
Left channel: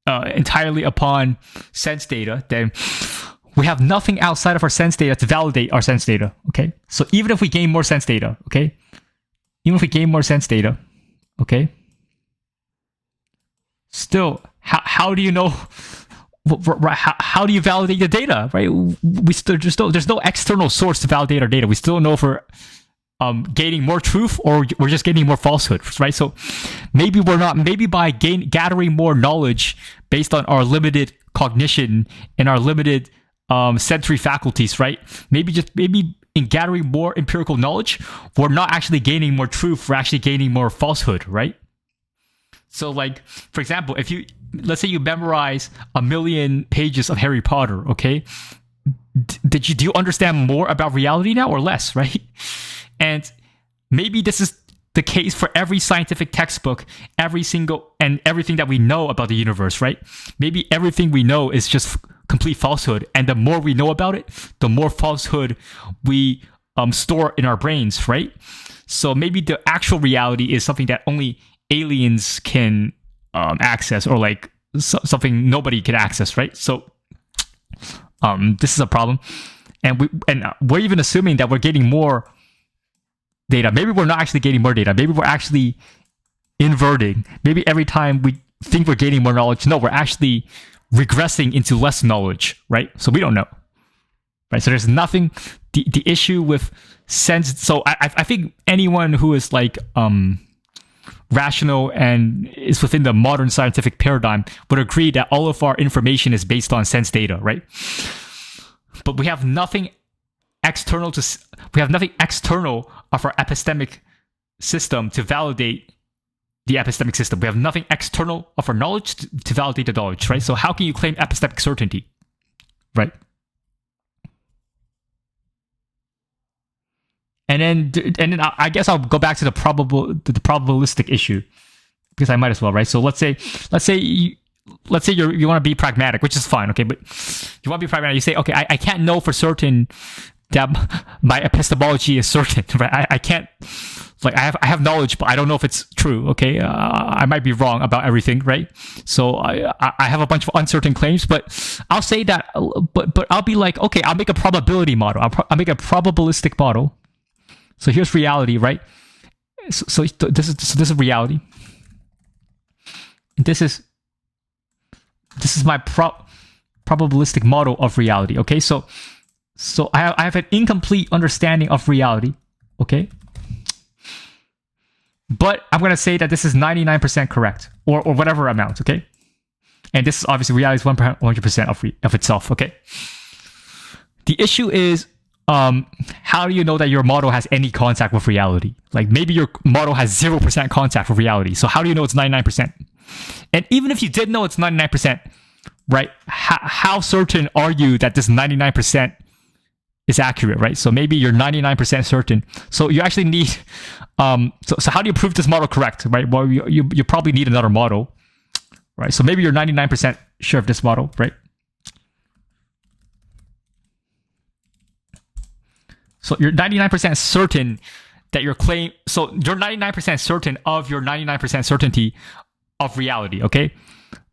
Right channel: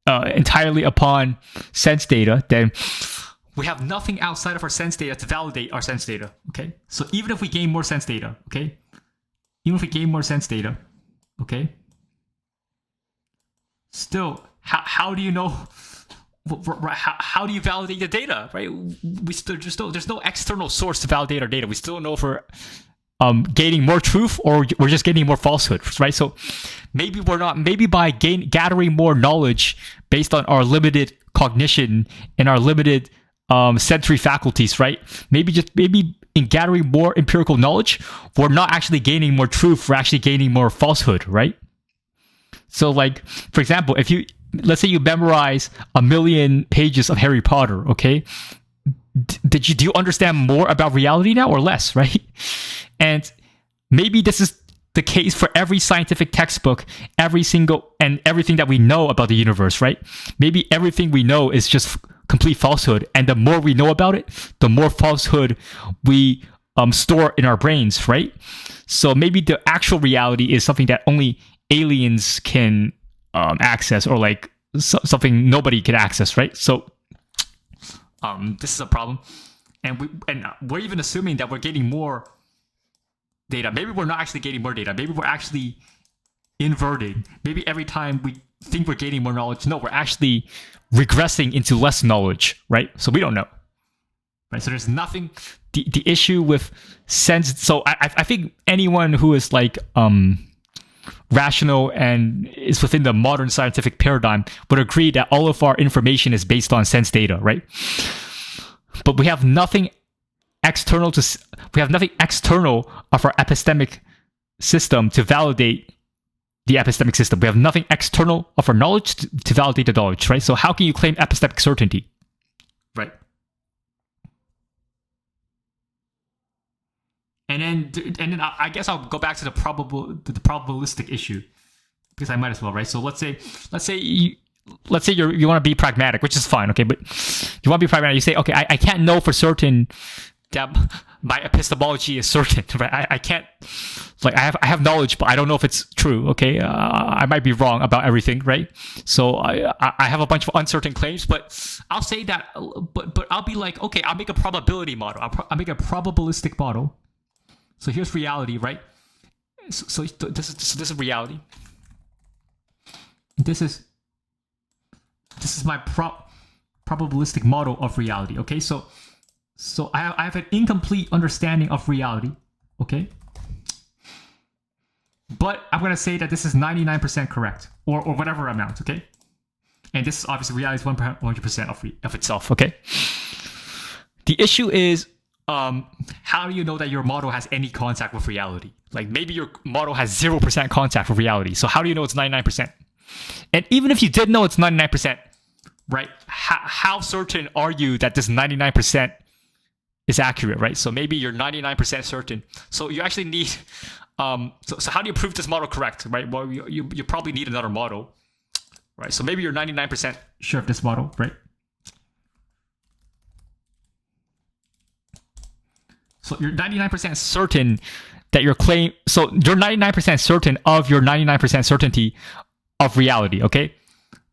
entirely upon sense data, then we have nothing outside of our sense data to validate our sense data, okay? So even if we gain more sense data, okay? Still, how do you know? How do you validate the data, right? There's no external source to validate our data. We still don't know if we're gaining more truth or we're just gaining more falsehood, right? So maybe by gathering more knowledge based on our limited cognition and our limited sensory faculties, right? Maybe in gathering more empirical knowledge, we're not actually gaining more truth, we're actually gaining more falsehood, right? So like, for example, let's say you memorize 1 million pages of Harry Potter, okay? Do you understand more about reality now or less, right? And maybe this is the case for every scientific textbook, everything that we know about the universe, right? Maybe everything we know is just complete falsehood, and the more we know about it, the more falsehood we store in our brains, right? So maybe the actual reality is something that only aliens can access, or like something nobody can access, right? So this is a problem, and we're even assuming that we're getting more data. Maybe we're not actually getting more data. Maybe we're actually inverting. Maybe every time we think we're gaining more knowledge, no, we're actually regressing into less knowledge, right? So we don't know, right? So there's nothing. The issue with sense. So I think anyone who is like rational and is within the modern scientific paradigm would agree that all of our information is based on sense data, right? But we have nothing external of our epistemic system to validate the epistemic system. We have nothing external of our knowledge to validate the knowledge, right? So how can you claim epistemic certainty, right? And then I guess I'll go back to the probabilistic issue, because I might as well, right? So let's say you want to be pragmatic, which is fine, okay? But you want to be pragmatic. You say, okay, I can't know for certain that my epistemology is certain, right? I can't, like, I have knowledge, but I don't know if it's true, okay? I might be wrong about everything, right? So I have a bunch of uncertain claims, but I'll say that, but I'll be like, okay, I'll make a probability model. I'll make a probabilistic model. So here's reality, right? So this is reality. This is my probabilistic model of reality. Okay, so I have an incomplete understanding of reality. Okay, but I'm gonna say that this is 99% correct, or whatever amount. Okay, and this is obviously reality is 100% of itself. Okay, the issue is, how do you know that your model has any contact with reality? Like, maybe your model has 0% contact with reality. So how do you know it's 99%? And even if you did know it's 99%, right? How certain are you that this 99% is accurate, right? So maybe you're 99% certain. So you actually need, so how do you prove this model correct, right? Well, you probably need another model, right? So maybe you're 99% sure of this model, right? So you're 99% certain that your claim, so you're 99% certain of your 99% certainty of reality, okay?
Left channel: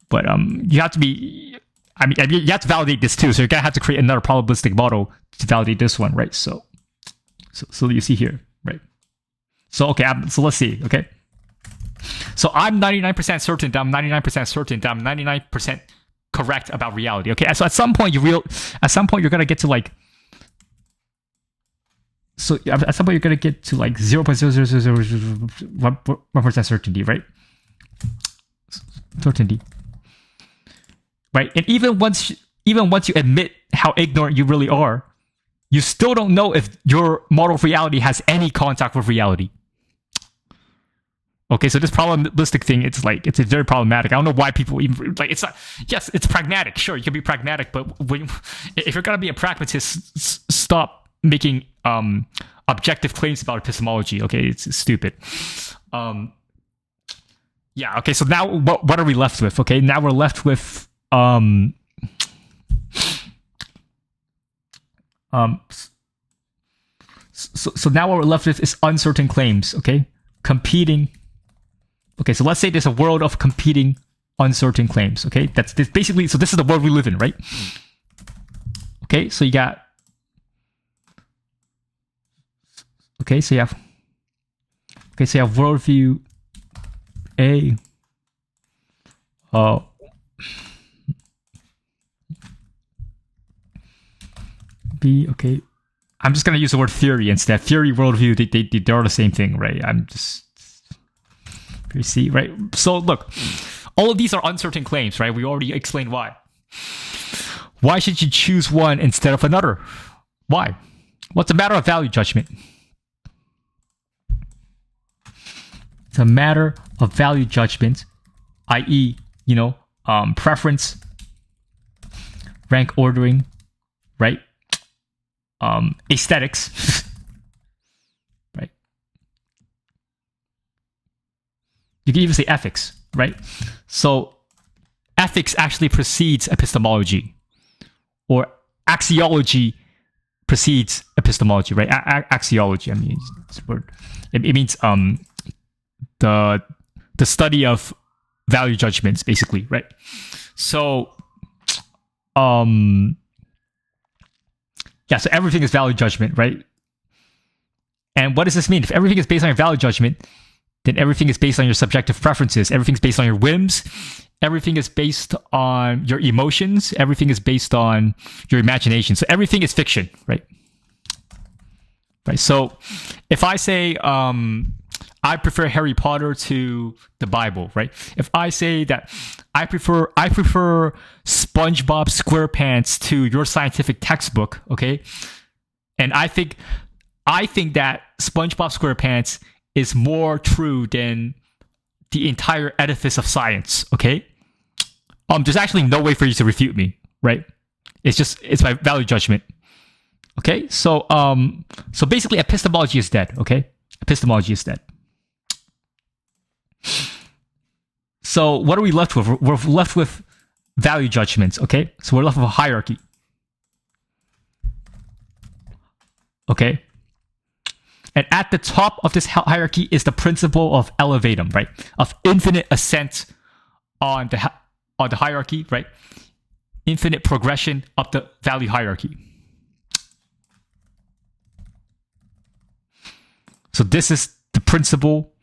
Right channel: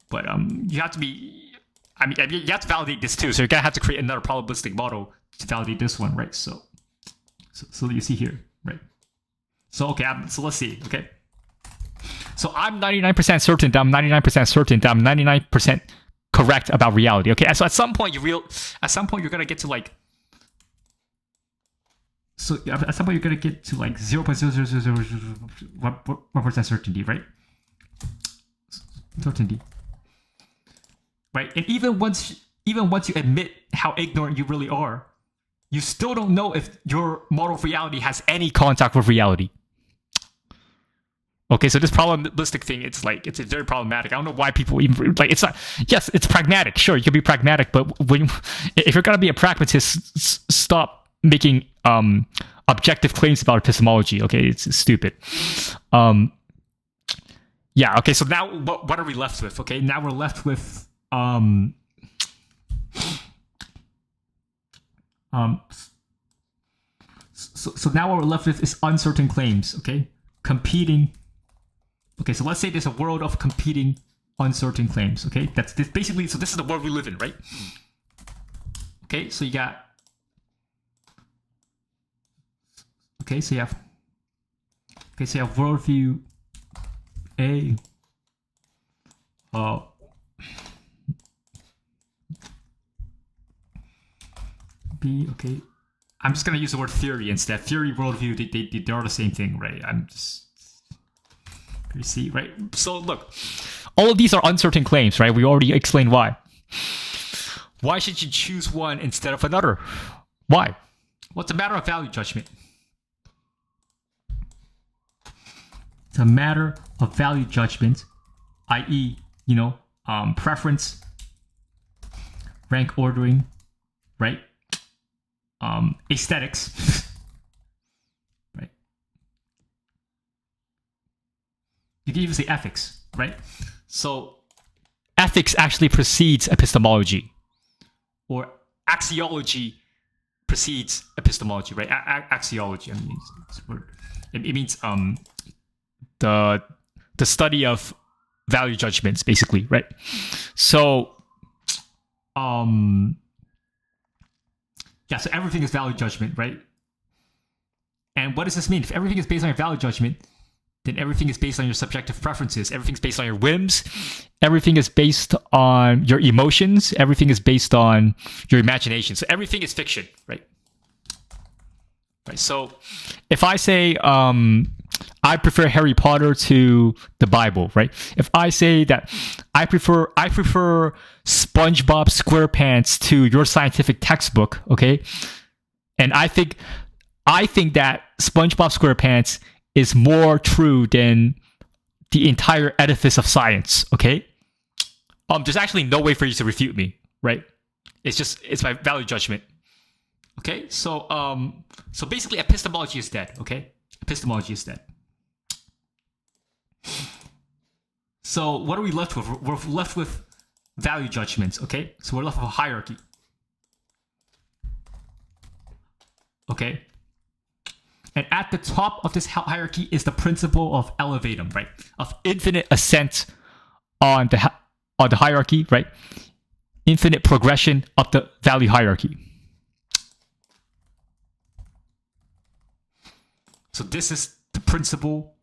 But you have to be, I mean, you have to validate this too. So you're gonna have to create another probabilistic model to validate this one, right? So you see here, right? So okay, so let's see, okay? So I'm 99% certain that I'm 99% certain that I'm 99% correct about reality, okay? So at some point you're gonna get to like, so at some point you're gonna get to like 0.00001% certainty, right? Certainty, right? And even once you admit how ignorant you really are, you still don't know if your model of reality has any contact with reality. Okay, so this probabilistic thing, it's very problematic. I don't know why people even, like, it's not, yes, it's pragmatic. Sure, you can be pragmatic, but if you're gonna be a pragmatist, stop making objective claims about epistemology. Okay, it's stupid. Yeah, okay, so now what are we left with? Okay, now we're left with so now what we're left with is uncertain claims, okay? Competing. Okay, so let's say there's a world of competing uncertain claims, okay? That's basically, so this is the world we live in, right? Okay, so you got, okay, so you have worldview A, B, okay. I'm just gonna use the word theory instead. Theory, worldview, they're all the same thing, right? I'm just, you see, right? So look, all of these are uncertain claims, right? We already explained why. Why should you choose one instead of another? Why? Well, it's a matter of value judgment. It's a matter of value judgment, i.e., preference, rank ordering, right? Aesthetics, right? You can even say ethics, right? So ethics actually precedes epistemology, or axiology precedes epistemology, right? Axiology, I mean, it's a word. It means the study of value judgments, basically, right? So yeah, so everything is value judgment, right? And what does this mean? If everything is based on value judgment, then everything is based on your subjective preferences. Everything's based on your whims. Everything is based on your emotions. Everything is based on your imagination. So everything is fiction, right? Right. So if I say I prefer Harry Potter to the Bible, right? If I say that I prefer SpongeBob SquarePants to your scientific textbook, okay? And I think that SpongeBob SquarePants is more true than the entire edifice of science, okay? There's actually no way for you to refute me, right? It's my value judgment. Okay? So basically epistemology is dead, okay? Epistemology is dead. So what are we left with? We're left with value judgments, okay? So we're left with a hierarchy. Okay? And at the top of this hierarchy is the principle of elevatum, right? Of infinite ascent on the hierarchy, right? Infinite progression up the value hierarchy. So this is the principle.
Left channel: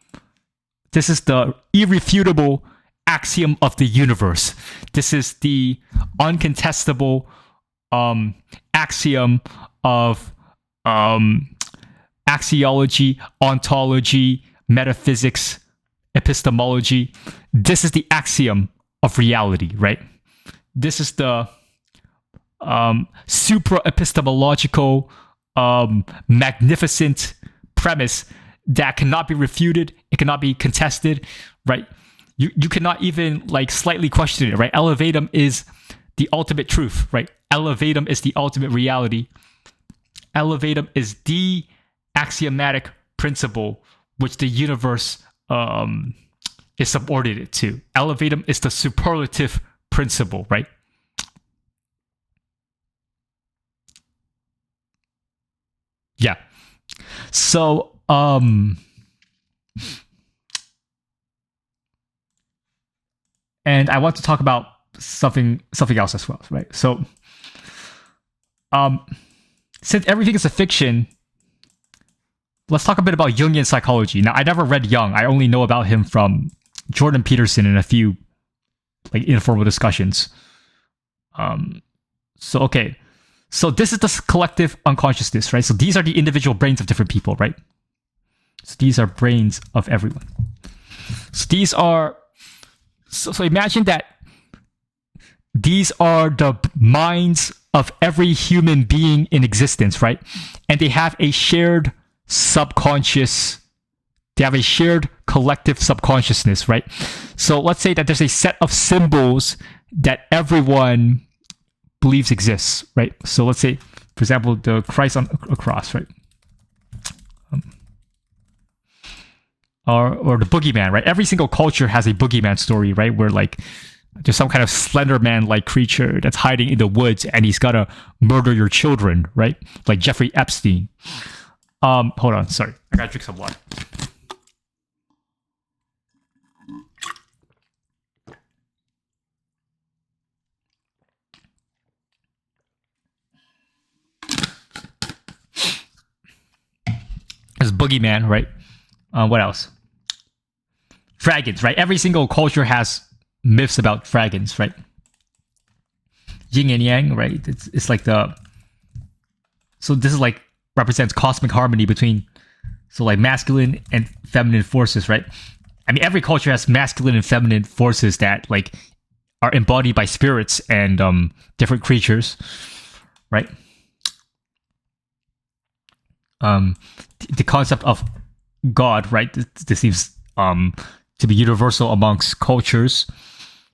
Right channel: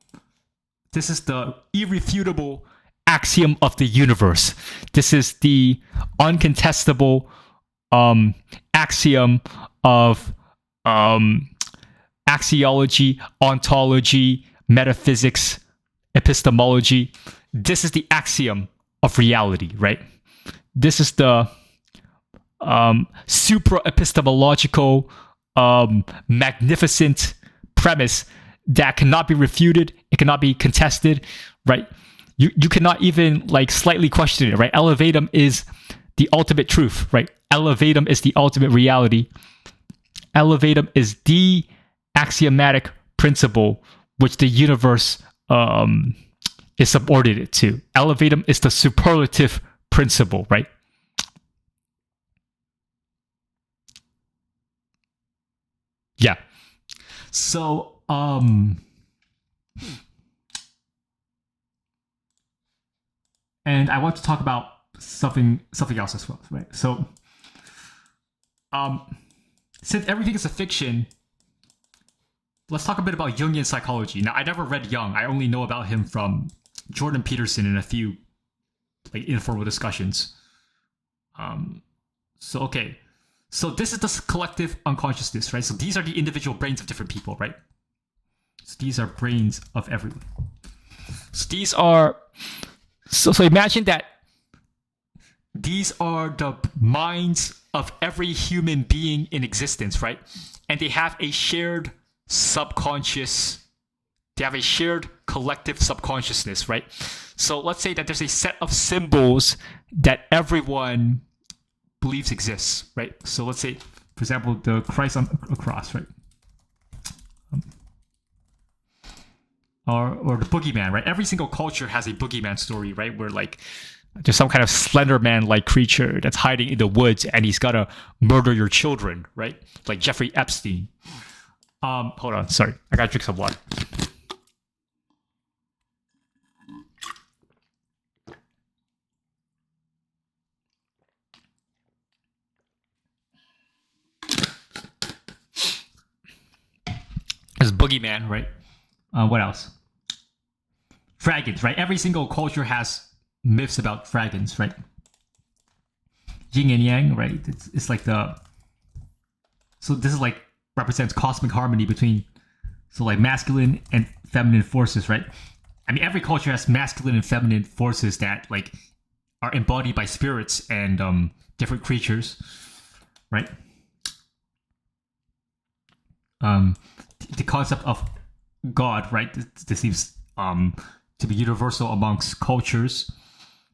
This is the irrefutable axiom of the universe. This is the uncontestable axiom of axiology, ontology, metaphysics, epistemology. This is the axiom of reality, right? This is the supra-epistemological magnificent premise that cannot be refuted. It cannot be contested, right? You cannot even like slightly question it, right? Elevatum is the ultimate truth, right? Elevatum is the ultimate reality. Elevatum is the axiomatic principle which the universe is subordinate to. Elevatum is the superlative principle, right? Yeah. So, and I want to talk about something else as well, right? So, since everything is a fiction, let's talk a bit about Jungian psychology. Now, I never read Jung. I only know about him from Jordan Peterson and a few like informal discussions. So this is the collective unconsciousness, right? So these are the individual brains of different people, right? So these are brains of everyone. So these are... So imagine that these are the minds of every human being in existence, right? And they have a shared subconscious... They have a shared collective subconsciousness, right? So let's say that there's a set of symbols that everyone believes exists, right? So let's say, for example, the Christ on a cross, right? Or the boogeyman, right? Every single culture has a boogeyman story, right? Where like there's some kind of Slender Man-like creature that's hiding in the woods and he's gotta murder your children, right? Like Jeffrey Epstein. Hold on, sorry. I gotta drink some water. There's boogeyman, right? What else? Dragons, right? Every single culture has myths about dragons, right? Yin and yang, right? It's like the... So this is like represents cosmic harmony between... So like masculine and feminine forces, right? I mean, every culture has masculine and feminine forces that like are embodied by spirits and different creatures, right? The concept of God, right? This seems to be universal amongst cultures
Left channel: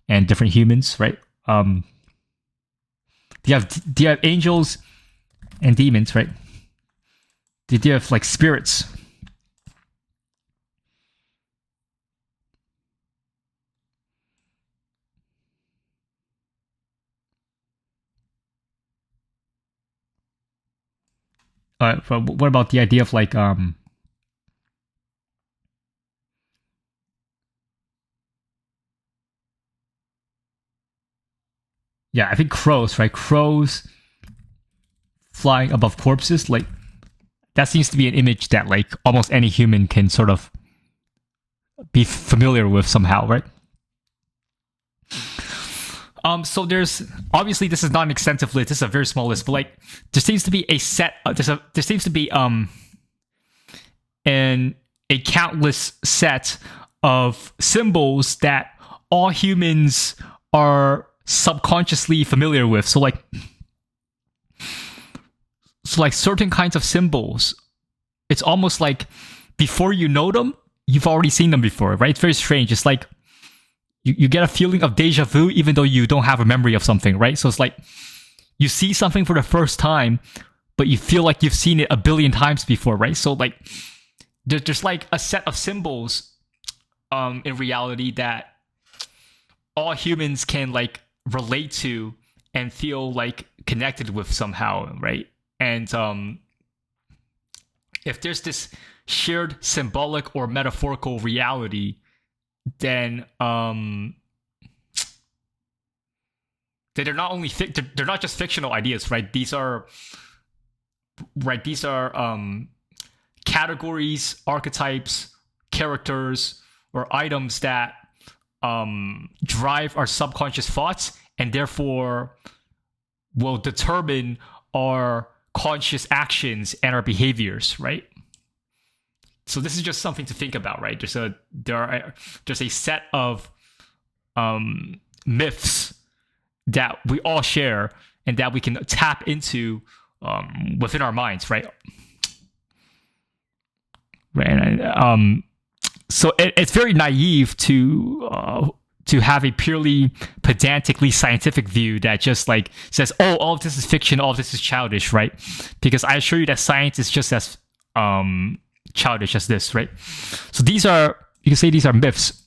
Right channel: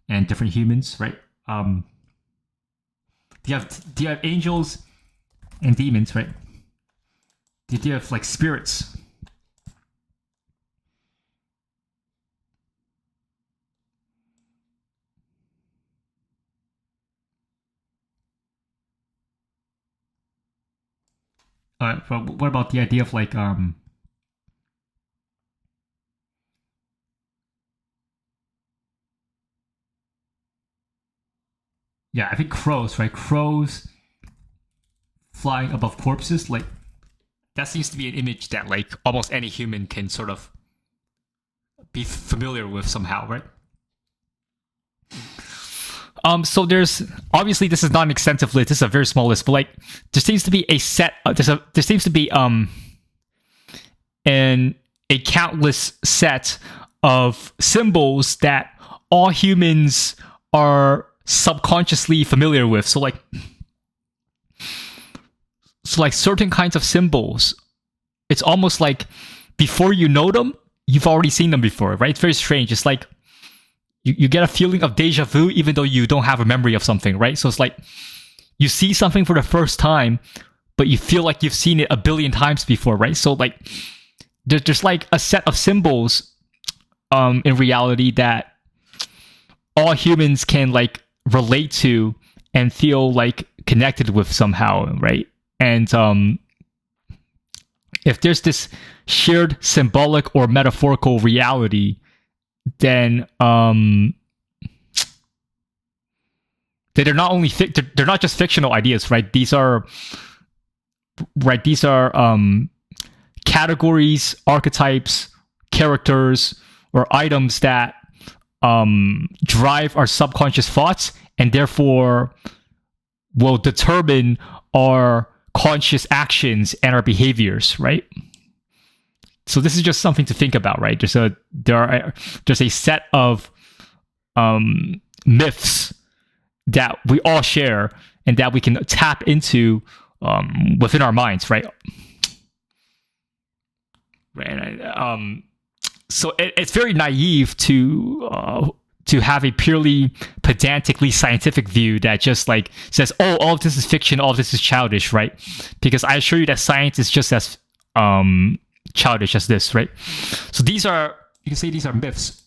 and different humans, right? Do you have angels and demons, right? Do you have like spirits? What about the idea of like yeah, I think crows, right? Crows flying above corpses, like that seems to be an image that like almost any human can sort of be familiar with somehow, right? So there's obviously this is not an extensive list. This is a very small list, but like there seems to be a set. There seems to be a countless set of symbols that all humans are subconsciously familiar with. So like certain kinds of symbols, it's almost like before you know them, you've already seen them before, right? It's very strange. It's like you get a feeling of deja vu even though you don't have a memory of something, right? So it's like you see something for the first time, but you feel like you've seen it a billion times before, right? So like there's like a set of symbols in reality that all humans can like relate to and feel like connected with somehow, right? And if there's this shared symbolic or metaphorical reality, then they're not only they're not just fictional ideas, right? These are categories, archetypes, characters, or items that drive our subconscious thoughts and therefore will determine our conscious actions and our behaviors, right? So this is just something to think about, right? There's a set of myths that we all share and that we can tap into within our minds, right? Right. So it's very naive to have a purely pedantically scientific view that just like says, oh, all of this is fiction, all of this is childish, right? Because I assure you that science is just as childish as this, right? So you can say these are myths,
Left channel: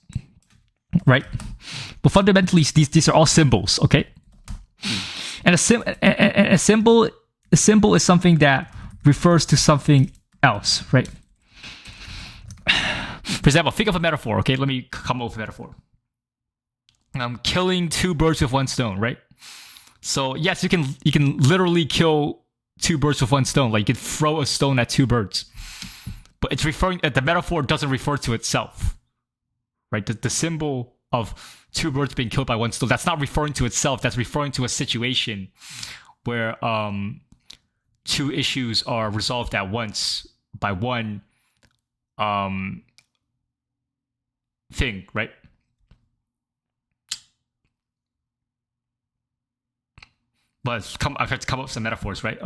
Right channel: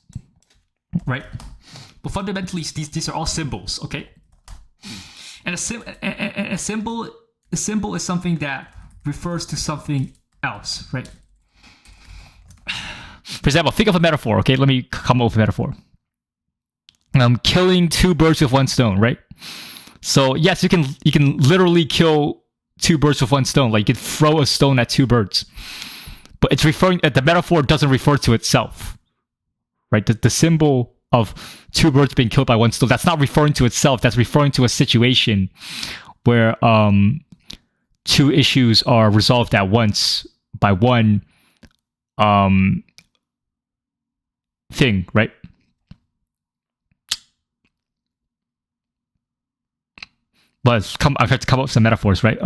right? But fundamentally, these are all symbols, okay? And a symbol is something that refers to something else, right? For example, think of a metaphor, okay? Let me come up with a metaphor. Killing two birds with one stone, right? So yes, you can literally kill two birds with one stone. Like you can throw a stone at two birds, but it's referring. The metaphor doesn't refer to itself, right? The symbol of two birds being killed by one stone, that's not referring to itself. That's referring to a situation where two issues are resolved at once by one thing, right? But I've had to come up with some metaphors, right?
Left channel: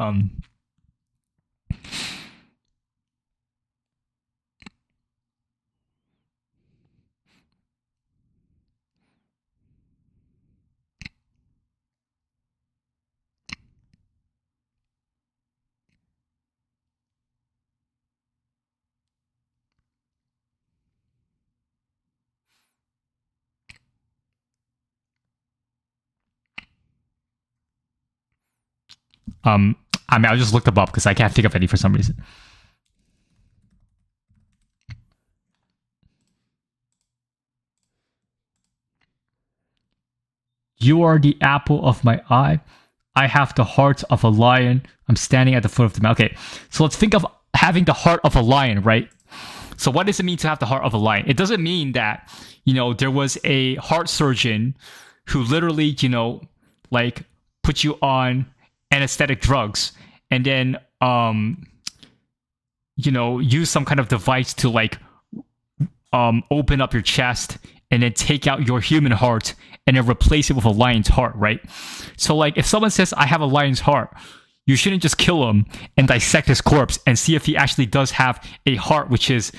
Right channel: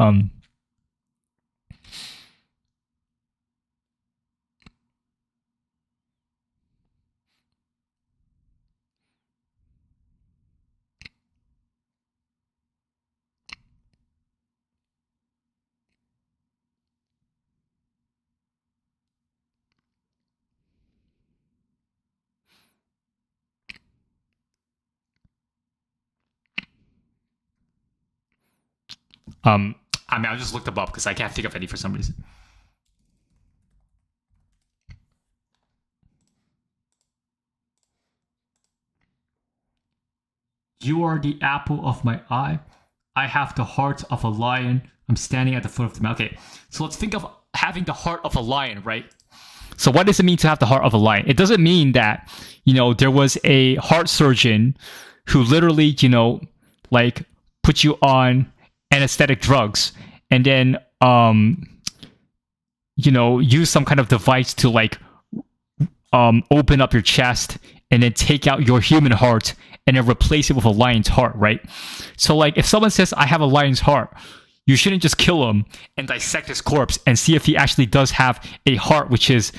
I mean, I just looked them up because I can't think of any for some reason. You are the apple of my eye. I have the heart of a lion. I'm standing at the foot of the mountain. Okay, so let's think of having the heart of a lion, right? So what does it mean to have the heart of a lion? It doesn't mean that, there was a heart surgeon who literally, like put you on anesthetic drugs and then, use some kind of device to like open up your chest and then take out your human heart and then replace it with a lion's heart, right? So like if someone says, I have a lion's heart, you shouldn't just kill him and dissect his corpse and see if he actually does have a heart which is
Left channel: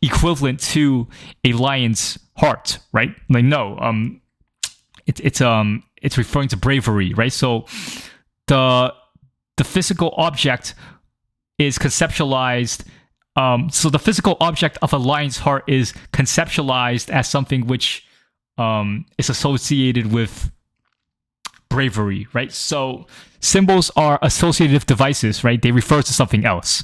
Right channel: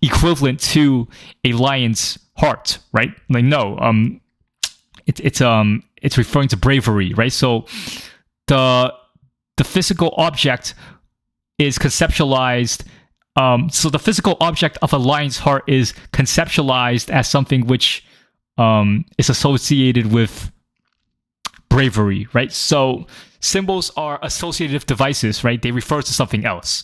equivalent to a lion's heart, right? Like no, it's referring to bravery, right? So the physical object is conceptualized. So the physical object of a lion's heart is conceptualized as something which is associated with bravery, right? So symbols are associative devices, right? They refer to something else.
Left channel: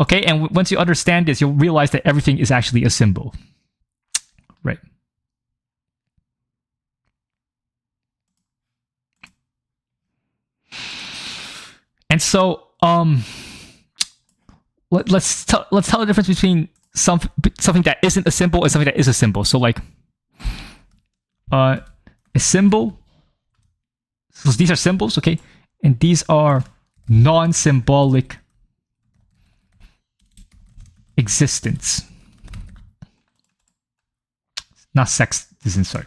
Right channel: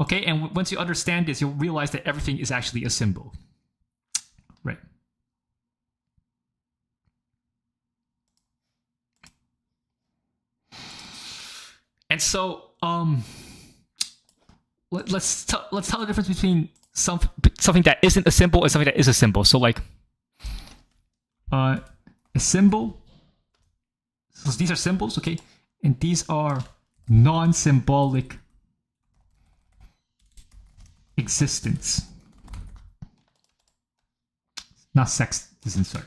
Okay, and once you understand this, you'll realize that everything is actually a symbol, right? And so let's tell the difference between something that isn't a symbol and something that is a symbol. So like a symbol. So these are symbols, okay, and these are non-symbolic existence. Not sex. This is sorry.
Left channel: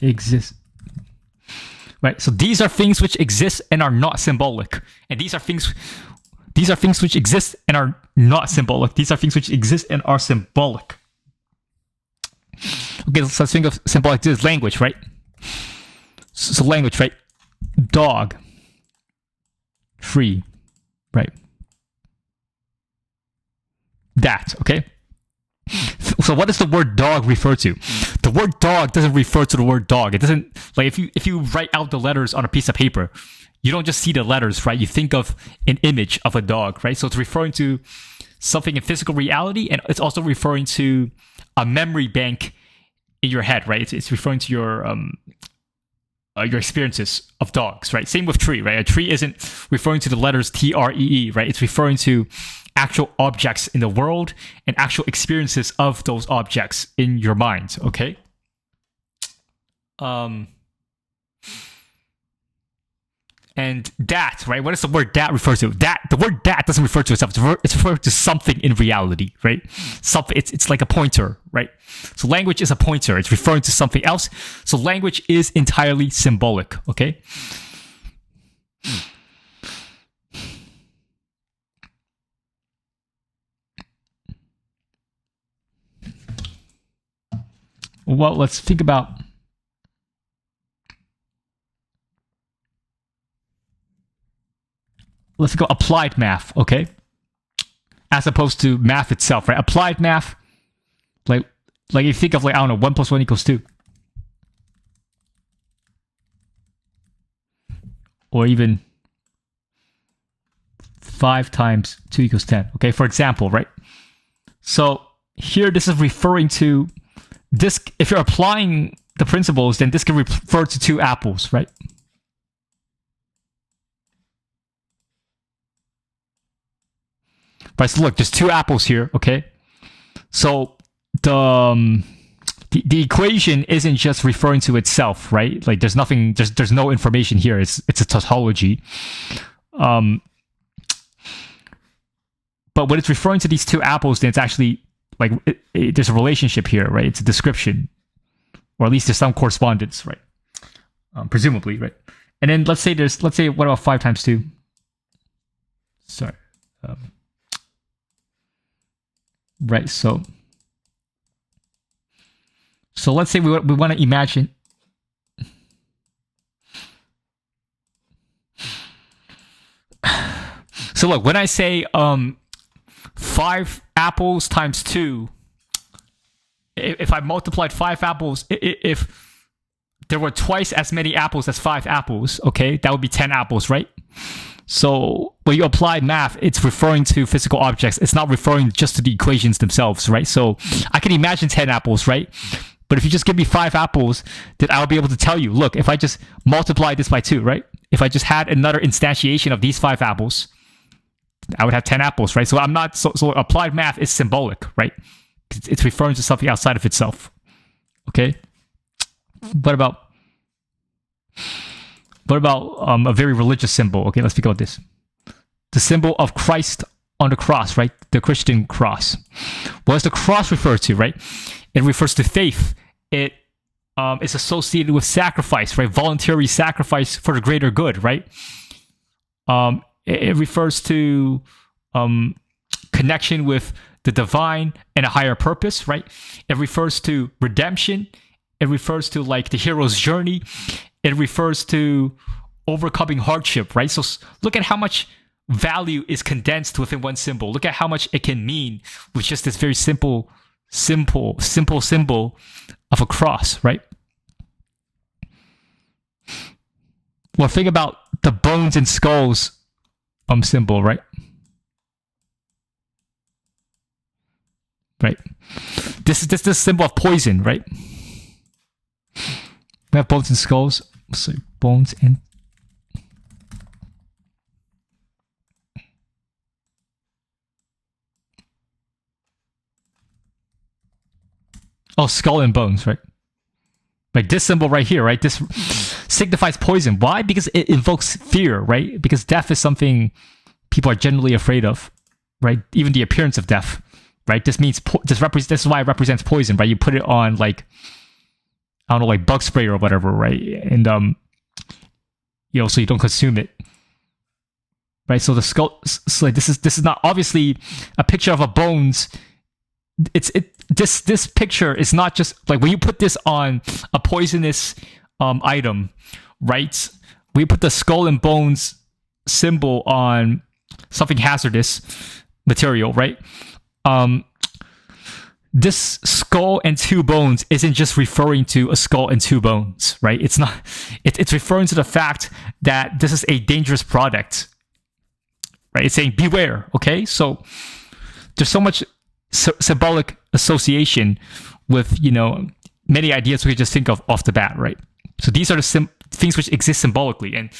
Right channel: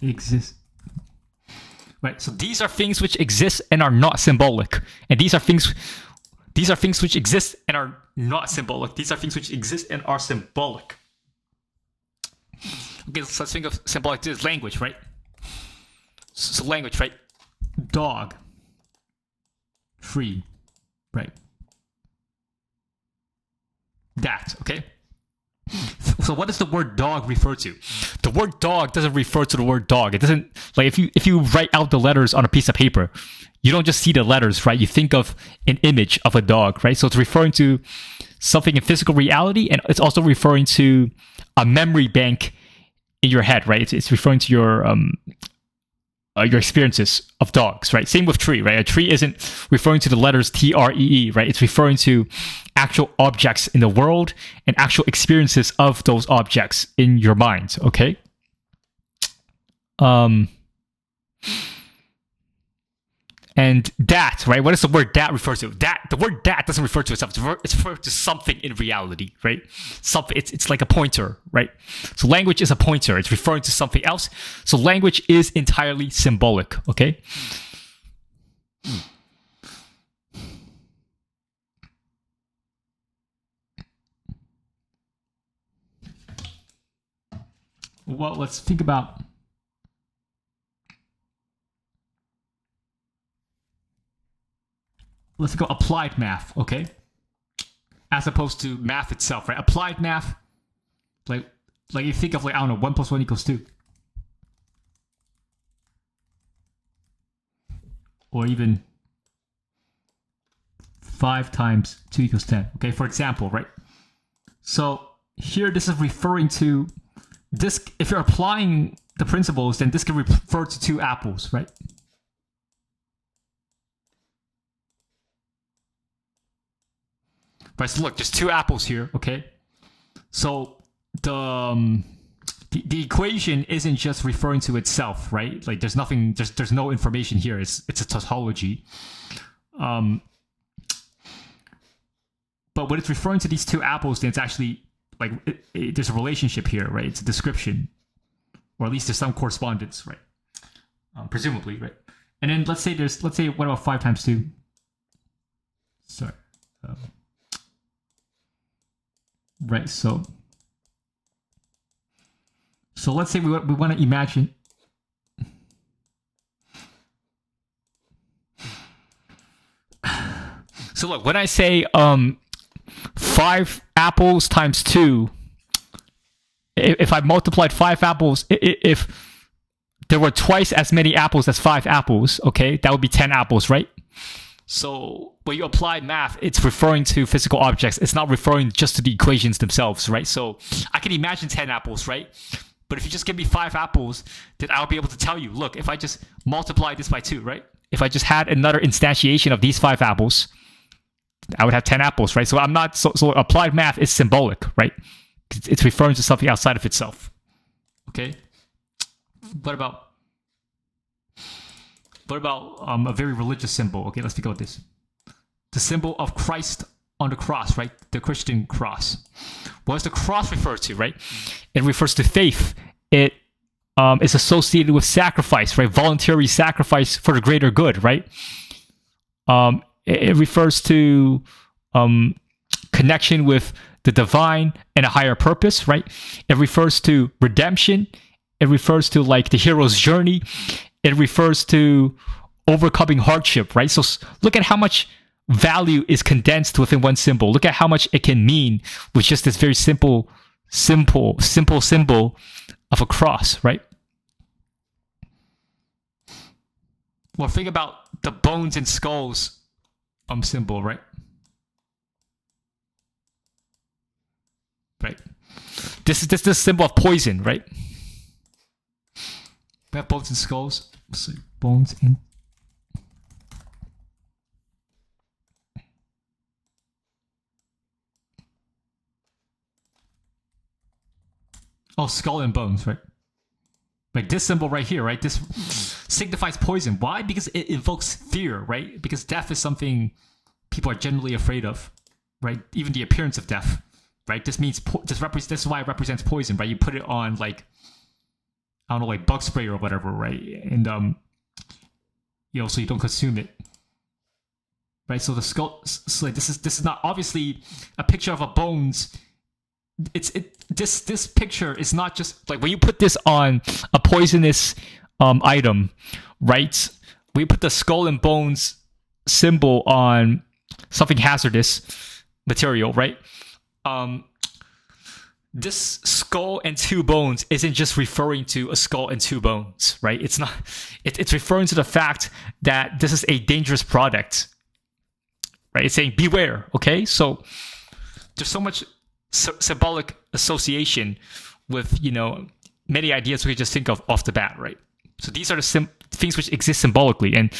Exist. Right. So these are things which exist and are not symbolic, and these are things which exist and are not symbolic. These are things which exist and are symbolic. Okay, so let's think of symbolic. This is language, right? So language, right? Dog. Free. Right. That, okay? So what does the word dog refer to? The word dog doesn't refer to the word dog. It doesn't, like if you write out the letters on a piece of paper, you don't just see the letters, right? You think of an image of a dog, right? So it's referring to something in physical reality, and it's also referring to a memory bank in your head, right? It's referring to your experiences of dogs, right? Same with tree, right? A tree isn't referring to the letters TREE, right? It's referring to actual objects in the world and actual experiences of those objects in your mind, okay? And that, right? What does the word that refer to? The word that doesn't refer to itself. It's referring to something in reality, right? Something. It's like a pointer, right? So language is a pointer. It's referring to something else. So language is entirely symbolic, okay? Well, let's think about. Let's go applied math, okay? As opposed to math itself, right? Applied math, like you think of, like, I don't know, 1 + 1 = 2. Or even 5 × 2 = 10, okay? For example, right? So here this is referring to this. If you're applying the principles, then this can refer to 2 apples, right? Right, so look, there's 2 apples here, okay? So the equation isn't just referring to itself, right? Like there's nothing, there's no information here. It's a tautology. But when it's referring to these 2 apples, then it's actually like there's a relationship here, right? It's a description, or at least there's some correspondence, right? Presumably, right? And then let's say what about 5 × 2? Sorry. Right, so let's say we want to imagine. So look, when I say 5 apples × 2, if I multiplied 5 apples, if there were twice as many apples as 5 apples, okay, that would be 10 apples, right? So when you apply math, it's referring to physical objects. It's not referring just to the equations themselves, right? So I can imagine 10 apples, right? But if you just give me 5 apples, then I'll be able to tell you, look, if I just multiply this by 2, right? If I just had another instantiation of these 5 apples, I would have 10 apples, right? So I'm not, so applied math is symbolic, right? It's referring to something outside of itself, okay? What about a very religious symbol? Okay, let's think about this. The symbol of Christ on the cross, right? The Christian cross. What does the cross refer to, right? It refers to faith. It is associated with sacrifice, right? Voluntary sacrifice for the greater good, right? It refers to connection with the divine and a higher purpose, right? It refers to redemption. It refers to like the hero's journey. It refers to overcoming hardship, right? So look at how much value is condensed within one symbol. Look at how much it can mean with just this very simple symbol of a cross, right? Well, think about the bones and skulls symbol, right? Right. This is the symbol of poison, right? We have bones and skulls. So bones and Oh, skull and bones, right? Like this symbol right here, right? This signifies poison. Why? Because it invokes fear, right? Because death is something people are generally afraid of, right? Even the appearance of death, right? This means this is why it represents poison, right? You put it on like, I don't know, like bug spray or whatever, right? And you know, so you don't consume it, right? So the skull, so like this is not obviously a picture of a bones. This picture is not just like when you put this on a poisonous item, right? We put the skull and bones symbol on something hazardous material, right? This skull and two bones isn't just referring to a skull and two bones, right? It's not. It's referring to the fact that this is a dangerous product, right? It's saying beware. Okay, so there's so much symbolic association with, you know, many ideas we could just think of off the bat, right? So these are the things which exist symbolically, and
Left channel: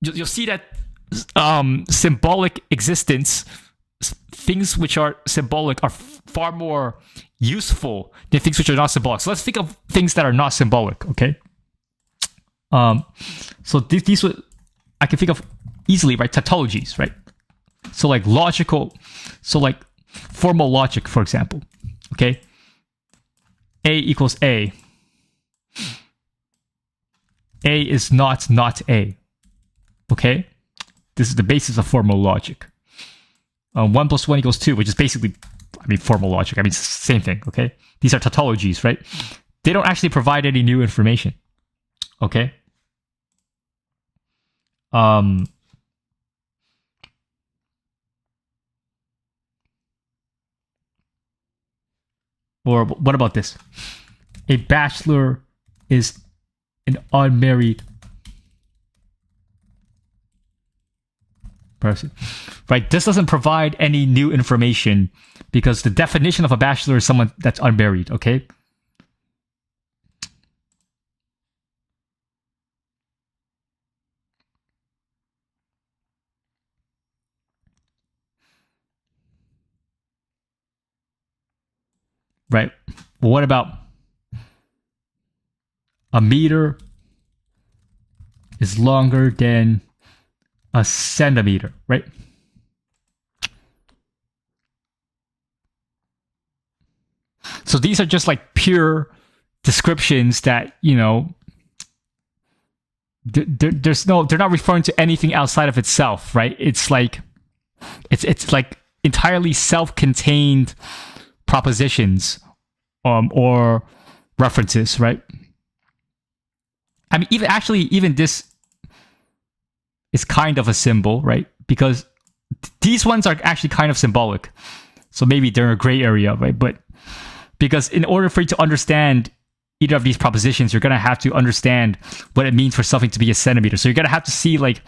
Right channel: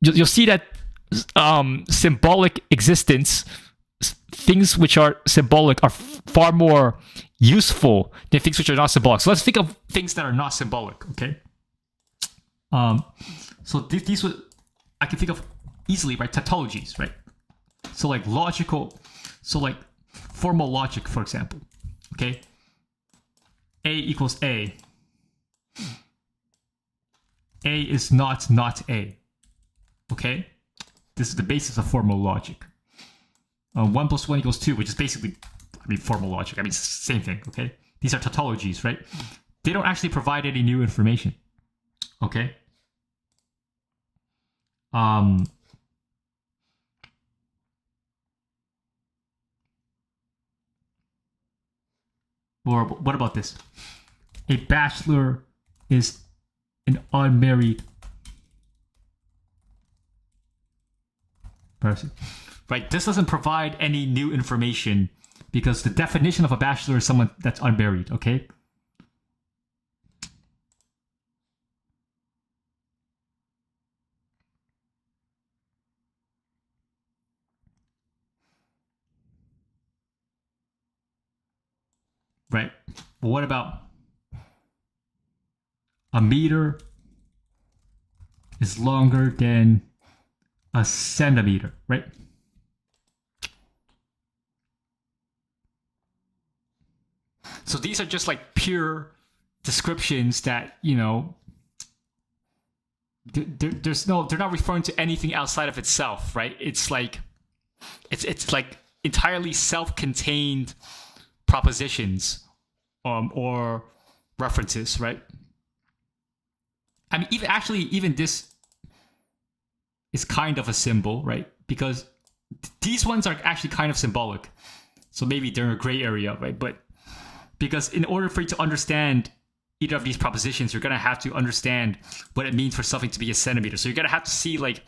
you'll see that symbolic existence, things which are symbolic, are far more useful than things which are not symbolic. So let's think of things that are not symbolic, okay? So these I can think of easily, right? Tautologies, right? So like logical, so like formal logic, for example, okay? A equals A. A is not A, okay? This is the basis of formal logic. 1 plus 1 equals 2, which is basically, I mean, formal logic. I mean, it's the same thing, okay? These are tautologies, right? They don't actually provide any new information, okay? Or what about this? A bachelor is an unmarried person, right? This doesn't provide any new information because the definition of a bachelor is someone that's unmarried, okay? Right? Well, what about a meter is longer than a centimeter, right? So these are just like pure descriptions that, you know, there's no, they're not referring to anything outside of itself, right? It's like entirely self-contained propositions or references, right? I mean, even this is kind of a symbol, right? Because these ones are actually kind of symbolic. So maybe they're a gray area, right? But because in order for you to understand either of these propositions, you're going to have to understand what it means for something to be a centimeter. So you're going to have to see like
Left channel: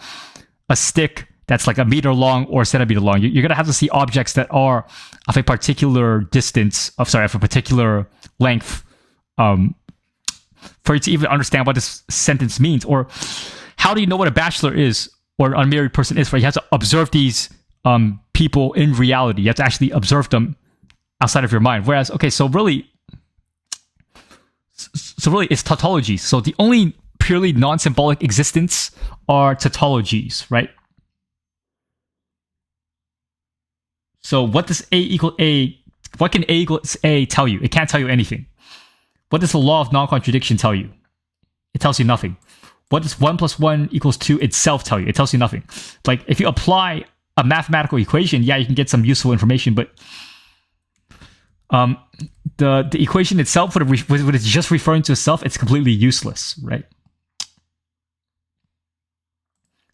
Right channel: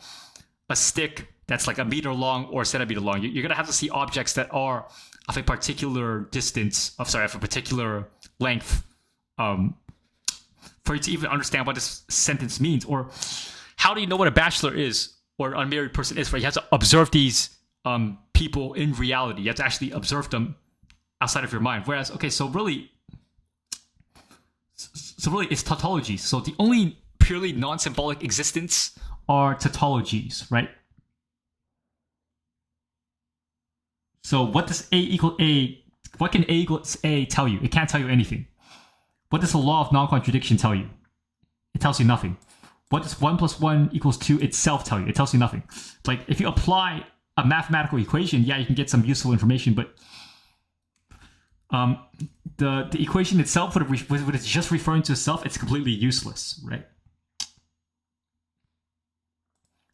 a stick that's like a meter long or a centimeter long. You're going to have to see objects that are of a particular distance, of a particular length, for you to even understand what this sentence means. Or how do you know what a bachelor is or an unmarried person is, right? You have to observe these people in reality. You have to actually observe them outside of your mind. Whereas, okay, so really it's tautologies. So the only purely non-symbolic existence are tautologies, right? So what does A equal A? What can A equals A tell you? It can't tell you anything. What does the law of non-contradiction tell you? It tells you nothing. What does 1 plus 1 equals 2 itself tell you? It tells you nothing. Like, if you apply a mathematical equation, yeah, you can get some useful information, but the equation itself, when it's just referring to itself, it's completely useless, right?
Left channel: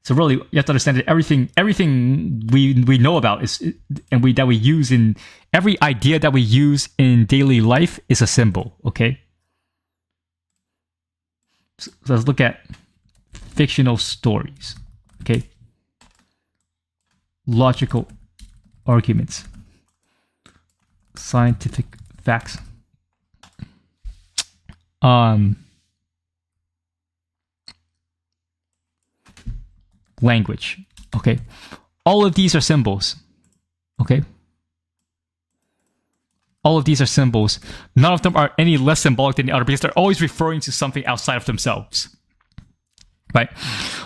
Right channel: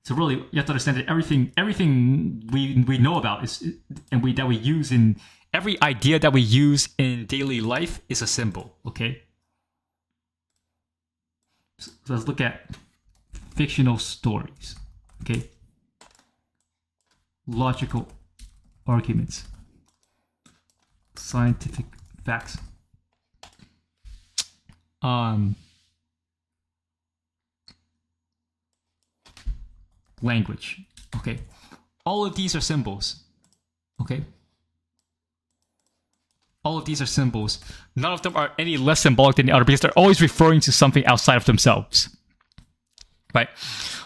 So really, you have to understand that everything we know about that we use in every idea that we use in daily life is a symbol. Okay. So let's look at fictional stories. Okay. Logical arguments. Scientific facts. Language. Okay. All of these are symbols. Okay. all of these are symbols. None of them are any less symbolic than the other because they're always referring to something outside of themselves. Right?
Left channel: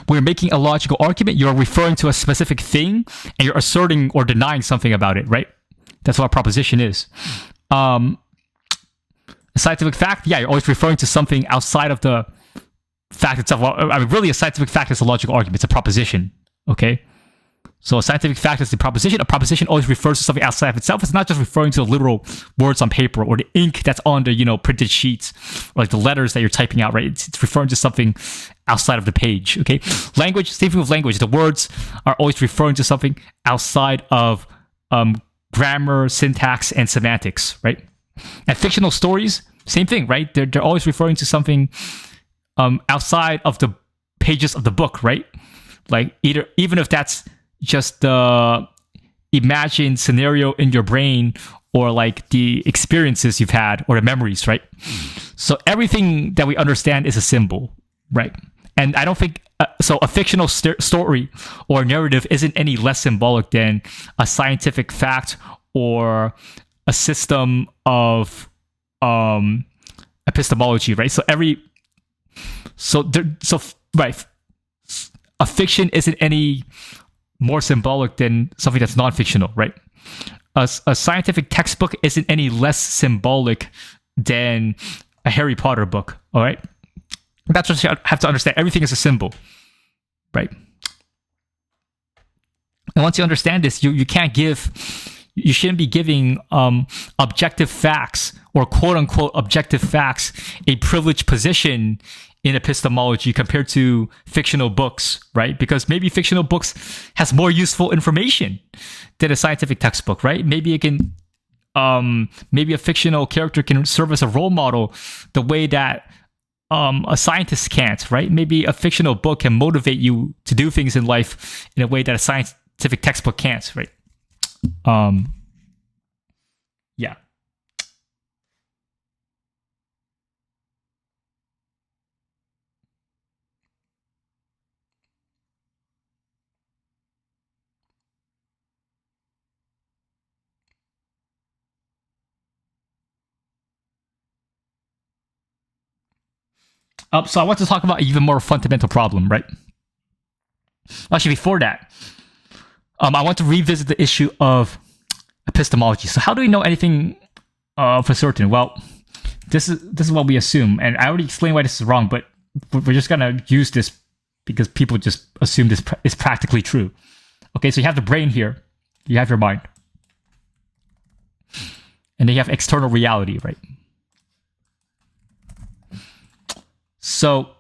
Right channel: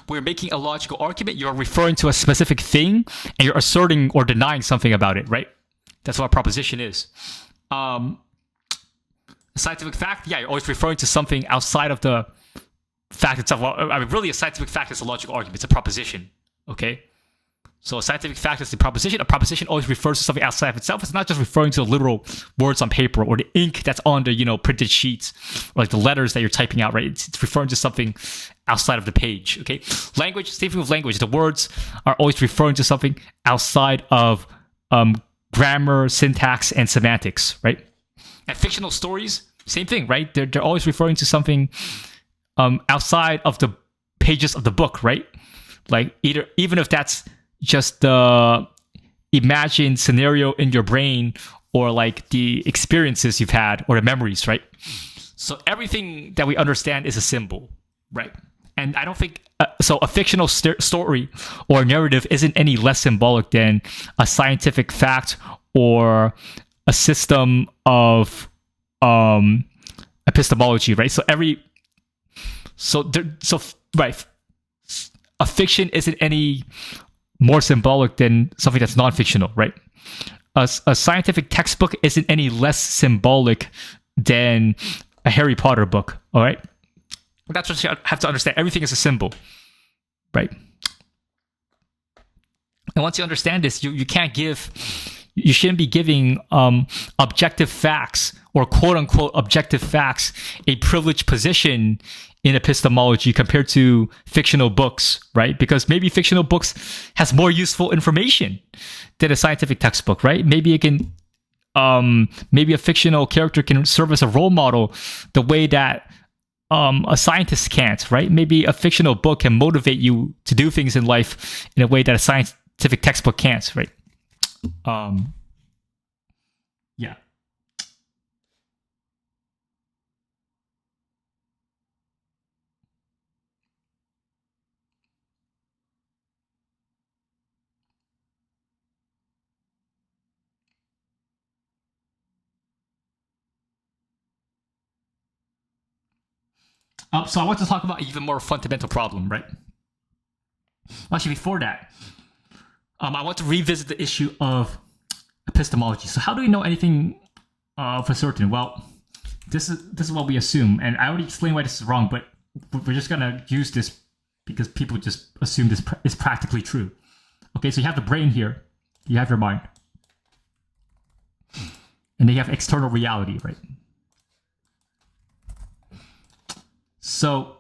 When you're making a logical argument, you're referring to a specific thing and you're asserting or denying something about it, right? That's what a proposition is. A scientific fact, yeah, you're always referring to something outside of the fact itself. Well, I mean, really, a scientific fact is a logical argument. It's a proposition, okay? So a scientific fact is the proposition. A proposition always refers to something outside of itself. It's not just referring to the literal words on paper or the ink that's on the, printed sheets, or like the letters that you're typing out, right? It's referring to something outside of the page, okay? Language, same thing with language. The words are always referring to something outside of grammar, syntax, and semantics, right? And fictional stories, same thing, right? They're always referring to something outside of the pages of the book, right? Like even if that's just the imagined scenario in your brain or like the experiences you've had or the memories, right? So everything that we understand is a symbol, right? And I don't think so. A fictional story or narrative isn't any less symbolic than a scientific fact or a system of epistemology, right? Right. A fiction isn't any more symbolic than something that's non-fictional, right? A scientific textbook isn't any less symbolic than a Harry Potter book, all right? That's what you have to understand. Everything is a symbol, right? And once you understand this, you shouldn't be giving objective facts or quote-unquote objective facts a privileged position in epistemology compared to fictional books, right? Because maybe fictional books has more useful information than a scientific textbook, right? Maybe it can, maybe a fictional character can serve as a role model the way that a scientist can't, right? Maybe a fictional book can motivate you to do things in life in a way that a scientific textbook can't, right? Yeah. So I want to talk about an even more fundamental problem, right? Actually, before that, I want to revisit the issue of epistemology. So how do we know anything for certain? Well, this is what we assume, and I already explained why this is wrong, but we're just gonna use this because people just assume this is practically true. Okay, so you have the brain here, you have your mind, and then you have external reality, right? So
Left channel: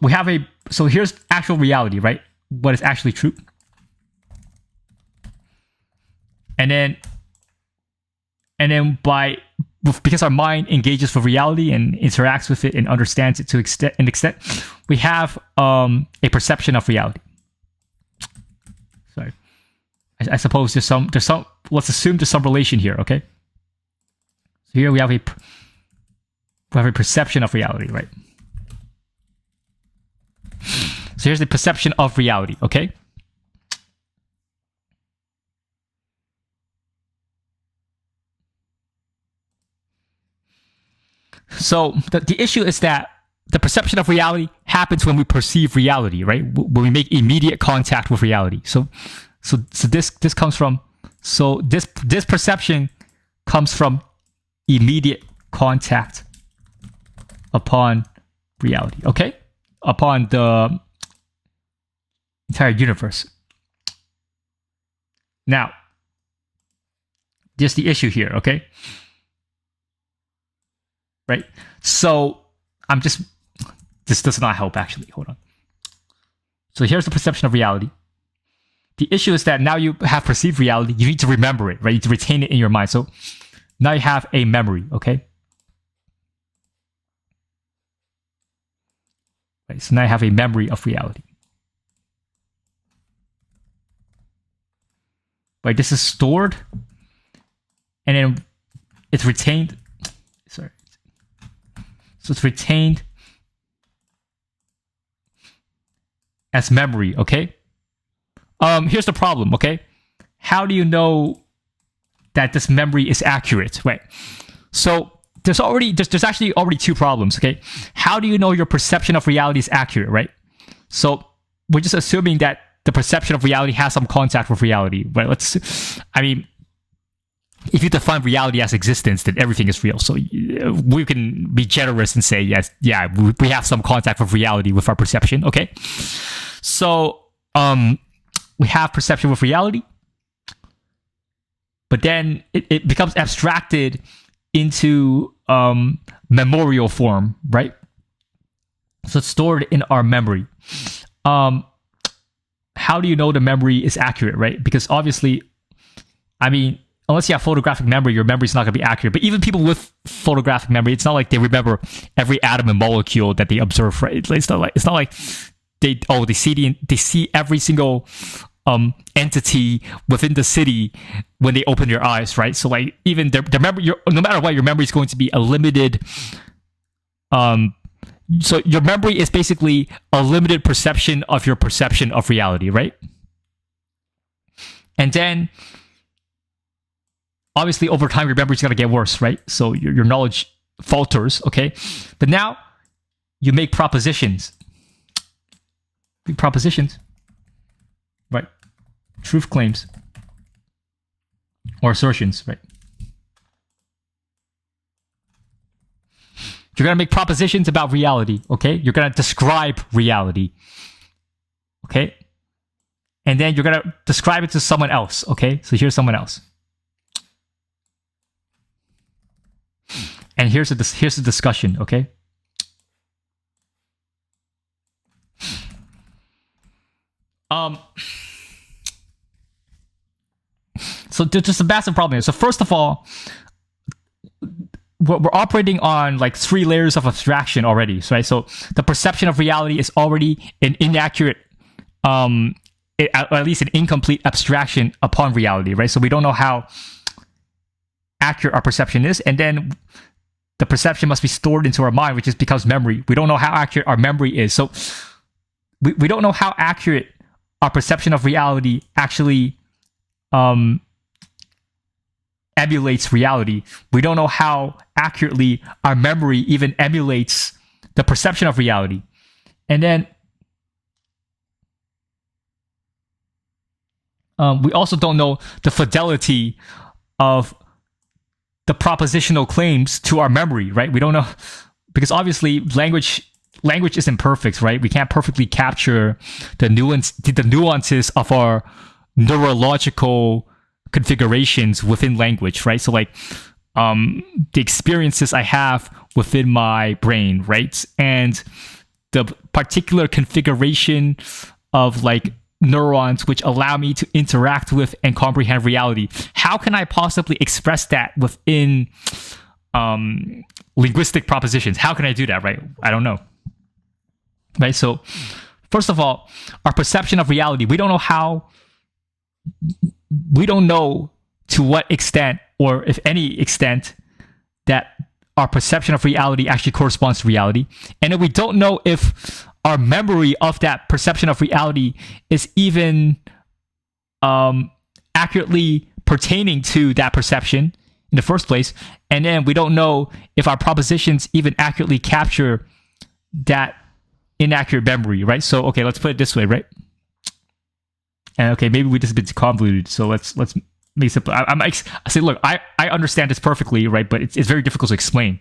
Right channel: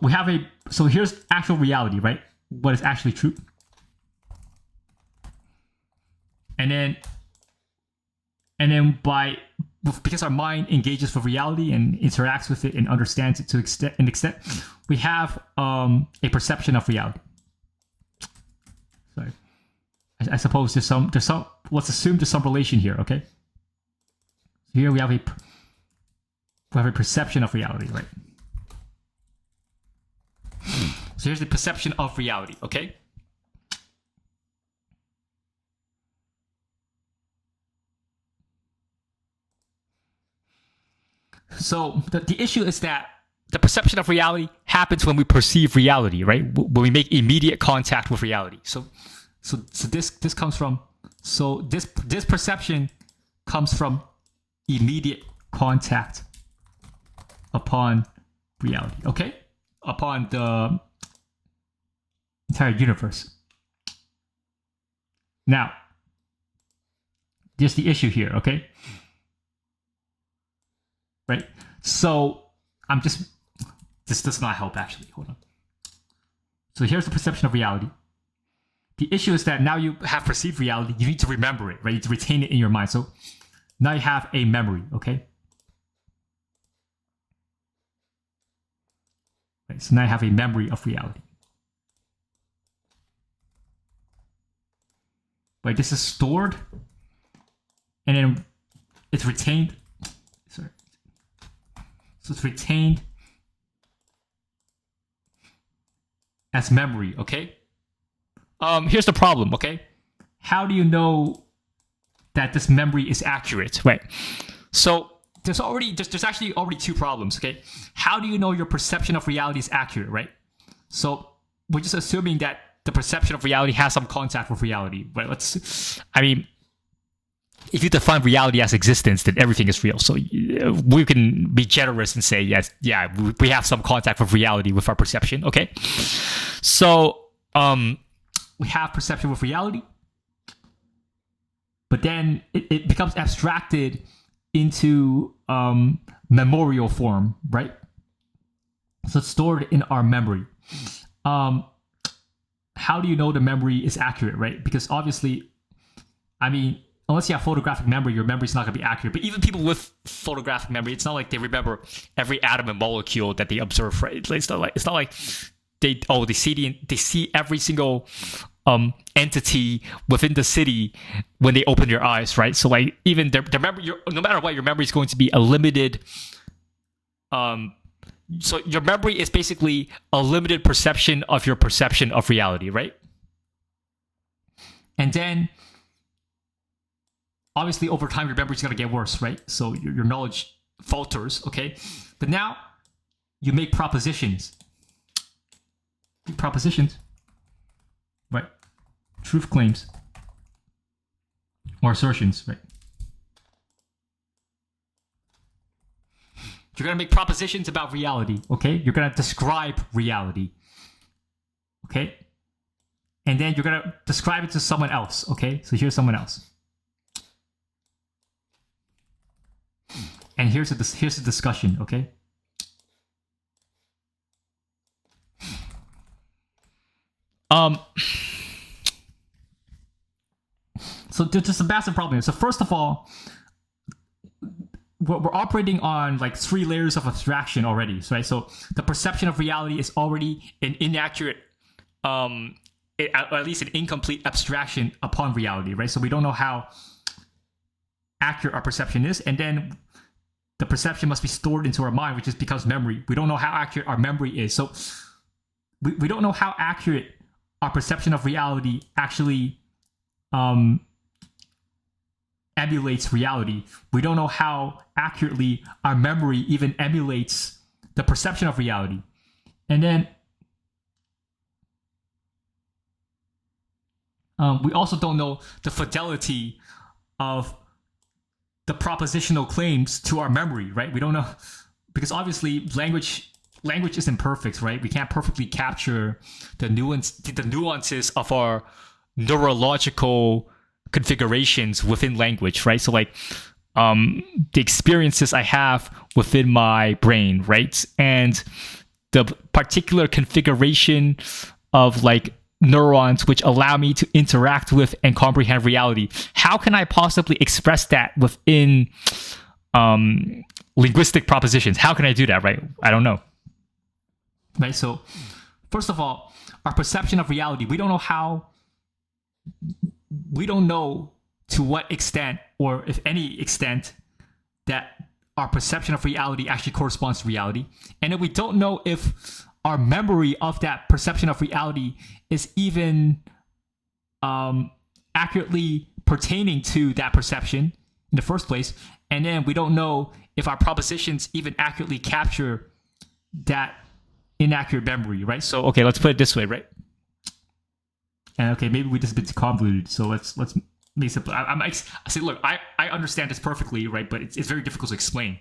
we have so here's actual reality, right? What is actually true. And then because our mind engages with reality and interacts with it and understands it to an extent, we have a perception of reality. Sorry. I suppose there's some let's assume there's some relation here, okay? So here we have a perception of reality, right? So here's the perception of reality, okay? So the issue is that the perception of reality happens when we perceive reality, right? When we make immediate contact with reality. So this comes from this perception comes from immediate contact upon reality, okay? Upon the entire universe. Now, there's the issue here, okay? Right? So, this does not help actually, hold on. So here's the perception of reality. The issue is that now you have perceived reality, you need to remember it, right? You need to retain it in your mind. So now you have a memory, okay? Right, so now you have a memory of reality. Right, this is stored, and then it's retained. Sorry. So it's retained as memory, okay? Here's the problem, okay? how do you know that this memory is accurate, right? So there's actually already two problems, okay? How do you know your perception of reality is accurate, right? So we're just assuming that the perception of reality has some contact with reality, right? If you define reality as existence, then everything is real. So we can be generous and say, yes, yeah, we have some contact with reality with our perception, okay? So we have perception with reality, but then it becomes abstracted into memorial form, right? So it's stored in our memory. How do you know the memory is accurate, right? Because obviously, unless you have photographic memory, your memory is not going to be accurate. But even people with photographic memory, it's not like they remember every atom and molecule that they observe, right? It's not like they see every single entity within the city when they open their eyes, right? So like even their memory, no matter what, your memory is going to be a limited. So your memory is basically a limited perception of your perception of reality, right? And then obviously over time your memory is going to get worse, right? So your knowledge falters, okay? But now you make propositions. Right? Truth claims or assertions, right? You're going to make propositions about reality, okay? You're going to describe reality, okay? And then you're going to describe it to someone else, okay? So here's someone else. And here's the discussion, okay? So there's just a massive problem here. So first of all, we're operating on like 3 layers of abstraction already, right? So the perception of reality is already an inaccurate, at least an incomplete abstraction upon reality, right? So we don't know how accurate our perception is, and then the perception must be stored into our mind, which just becomes memory. We don't know how accurate our memory is. So we don't know how accurate our perception of reality actually emulates reality. We don't know how accurately our memory even emulates the perception of reality. And then we also don't know the fidelity of the propositional claims to our memory, right? We don't know, because obviously language is imperfect, right? We can't perfectly capture the nuances of our neurological configurations within language, right? So like the experiences I have within my brain, right? And the particular configuration of like neurons which allow me to interact with and comprehend reality. How can I possibly express that within linguistic propositions? How can I do that, right? I don't know. Right? So first of all, our perception of reality, we don't know to what extent, or if any extent, that our perception of reality actually corresponds to reality. And then we don't know if our memory of that perception of reality is even accurately pertaining to that perception in the first place. And then we don't know if our propositions even accurately capture that inaccurate memory, right? So, okay, let's put it this way, right? And okay, maybe we just a bit convoluted. So let's make it simple. I say, look, I understand this perfectly, right? But it's very difficult to explain.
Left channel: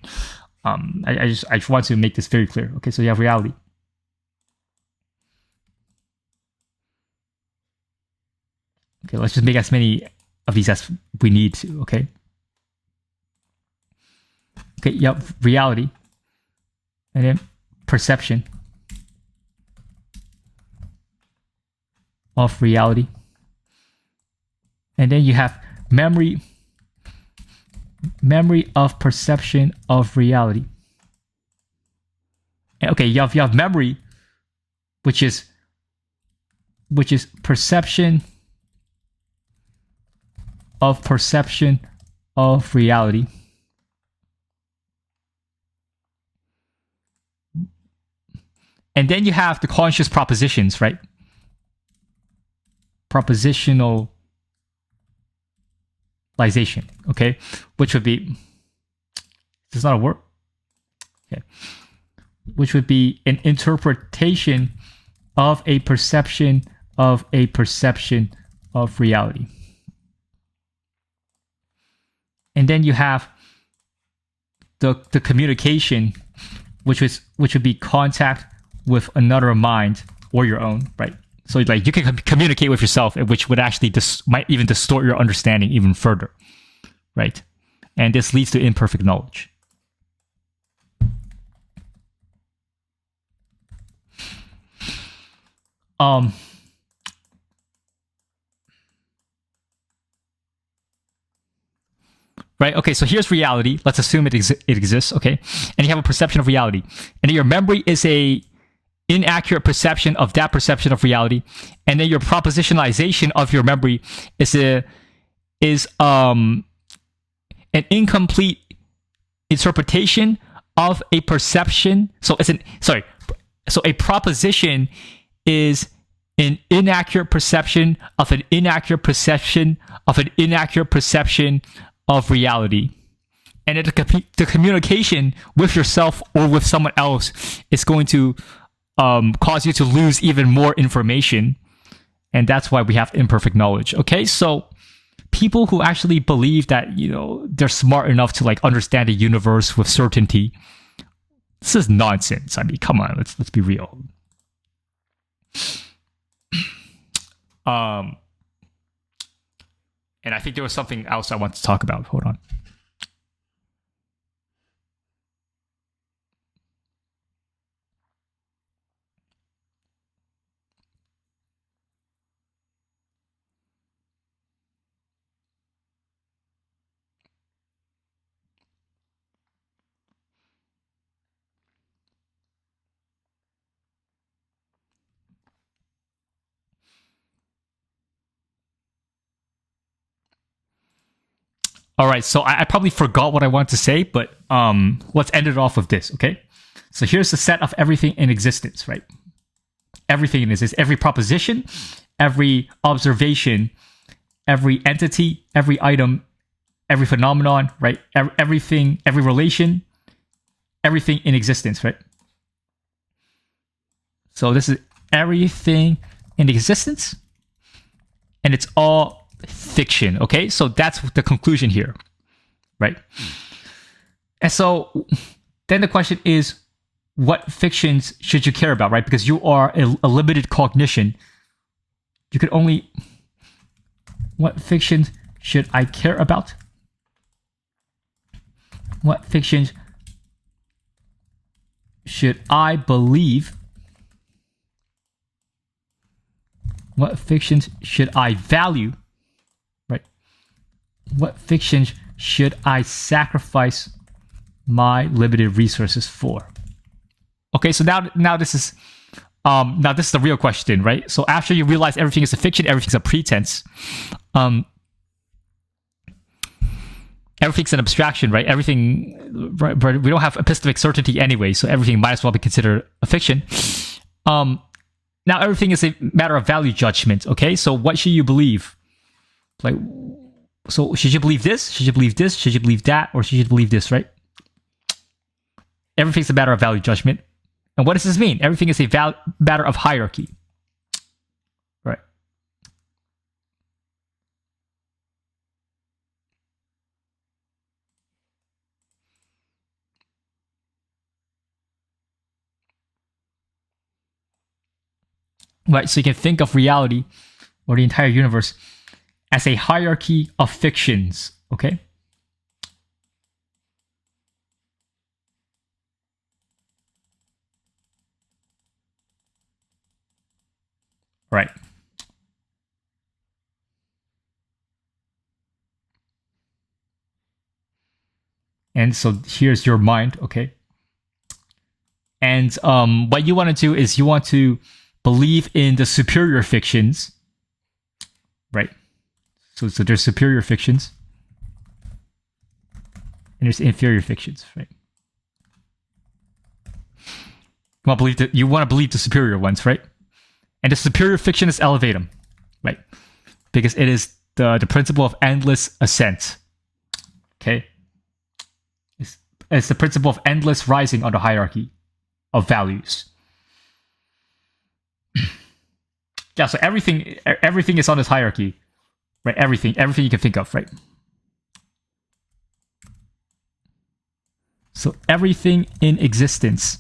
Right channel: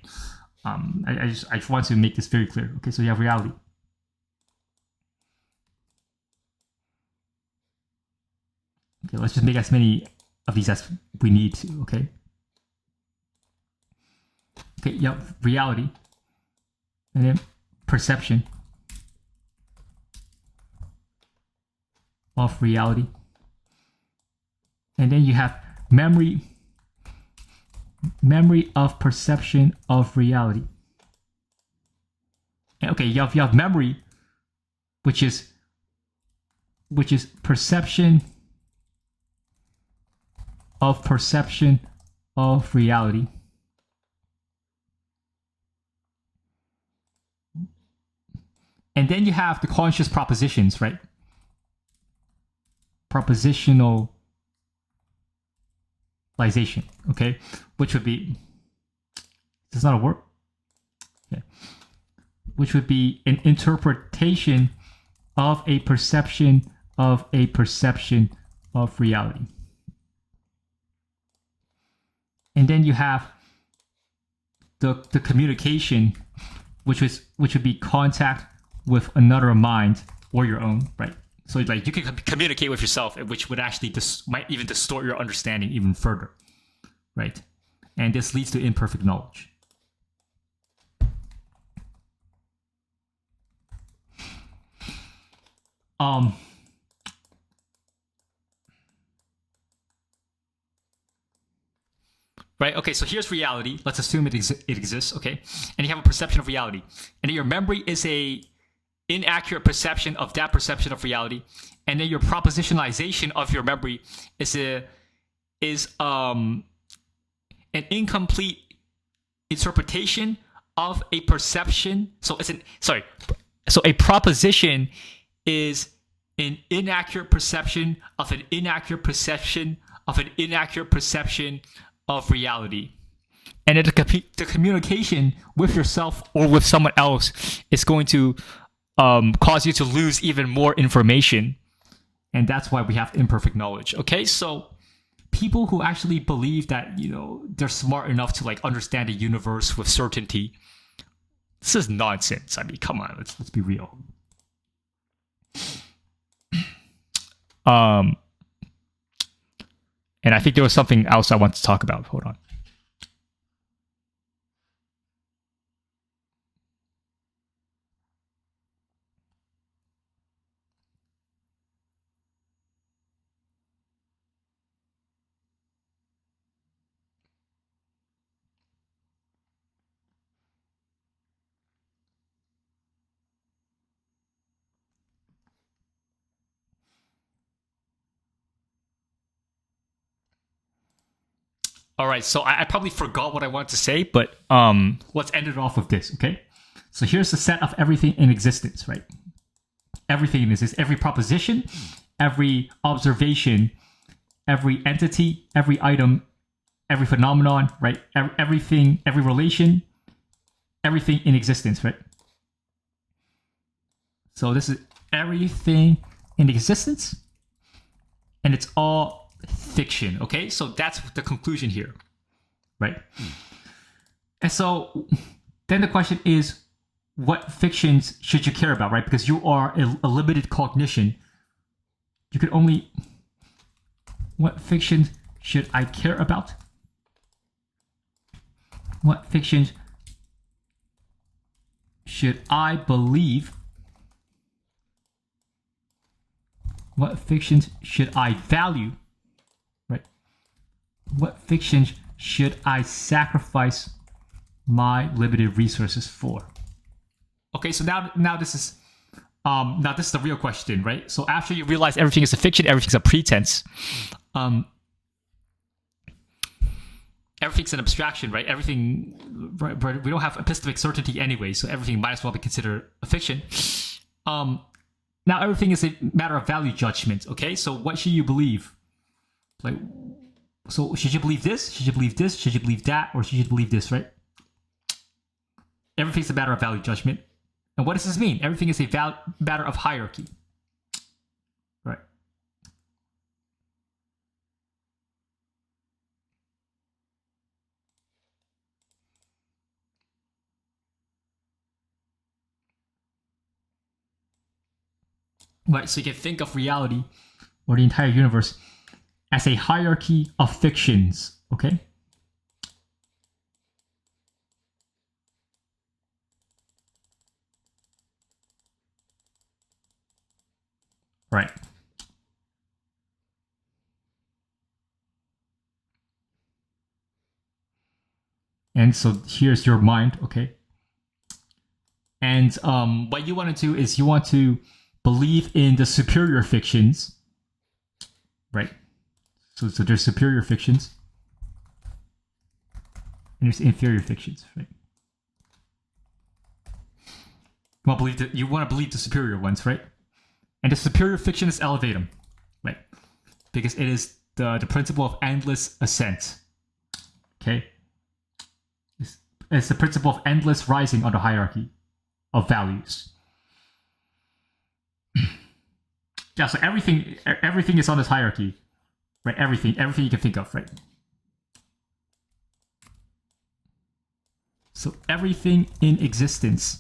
I just want to make this very clear. Okay, so you have reality. Okay, let's just make as many of these as we need to, okay? Okay, you have reality. And then perception of reality. And then you have memory of perception of reality. Okay, you have memory, which is perception of reality. And then you have the conscious propositions, right? Propositional provisionalization, okay, which would be, is that a word? Okay, which would be an interpretation of a perception of reality. And then you have the communication, which would be contact with another mind or your own, right? So like you can communicate with yourself, which would actually might even distort your understanding even further, right? And this leads to imperfect knowledge. Right, okay, so here's reality. Let's assume it exists, okay? And you have a perception of reality. And your memory is a inaccurate perception of that perception of reality. And then your propositionalization of your memory is an incomplete interpretation of a perception. So a proposition is an inaccurate perception of an inaccurate perception of an inaccurate perception of reality. And the communication with yourself or with someone else is going to cause you to lose even more information. And that's why we have imperfect knowledge. Okay, so people who actually believe that, you know, they're smart enough to like understand the universe with certainty, this is nonsense. I mean, come on, let's be real. And I think there was something else I want to talk about. Hold on. All right, so I probably forgot what I wanted to say, but let's end it off with this, okay? So here's the set of everything in existence, right? Everything in this is every proposition, every observation, every entity, every item, every phenomenon, right? Everything, every relation, everything in existence, right? So this is everything in existence, and it's all fiction, okay? So that's the conclusion here, right? And so then the question is, what fictions should you care about, right? Because you are a limited cognition. You could only... What fictions should I care about? What fictions should I believe? What fictions should I value? Right? What fictions should I sacrifice my limited resources for? Okay, so now this is the real question, right? So after you realize everything is a fiction, everything's a pretense, everything's an abstraction, right? Everything, right? We don't have epistemic certainty anyway, so everything might as well be considered a fiction. Now everything is a matter of value judgment, okay? So what should you believe? Like, so should you believe this? Should you believe this? Should you believe that? Or should you believe this, right? Everything's a matter of value judgment. And what does this mean? Everything is a matter of hierarchy, right? Right, so you can think of reality or the entire universe as a hierarchy of fictions, okay? Right. And so here's your mind, okay? And what you want to do is you want to believe in the superior fictions, right? So there's superior fictions, and there's inferior fictions, right? You want to believe the superior ones, right? And the superior fiction is elevatum, right? Because it is the principle of endless ascent. Okay, it's the principle of endless rising on the hierarchy of values. Yeah, so everything is on this hierarchy, right? Everything you can think of, right? So everything in existence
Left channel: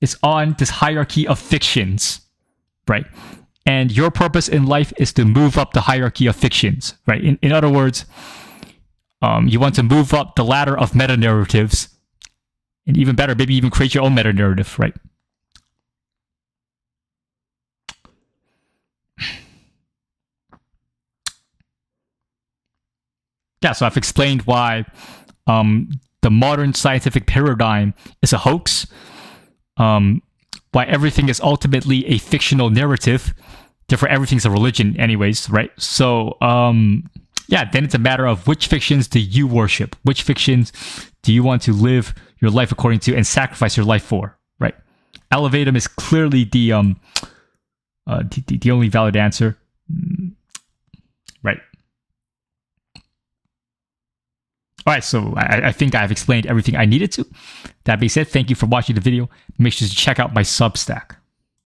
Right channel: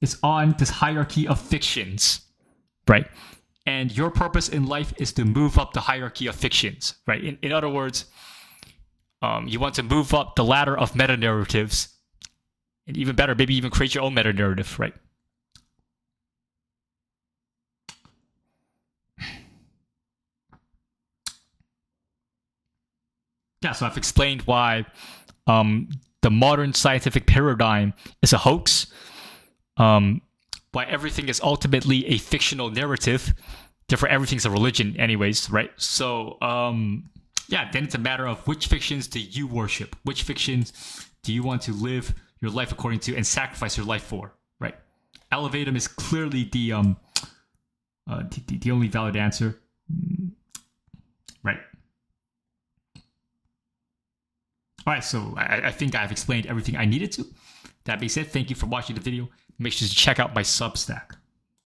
is on this hierarchy of fictions, right? And your purpose in life is to move up the hierarchy of fictions, right? In other words, you want to move up the ladder of meta narratives, and even better, maybe even create your own meta narrative, right? Yeah, so I've explained why the modern scientific paradigm is a hoax, why everything is ultimately a fictional narrative, therefore everything's a religion anyways, right? So, yeah, then it's a matter of which fictions do you worship? Which fictions do you want to live your life according to and sacrifice your life for, right? Elevatum is clearly the only valid answer, right? All right, so I think I've explained everything I needed to. That being said, thank you for watching the video. Make sure to check out my Substack.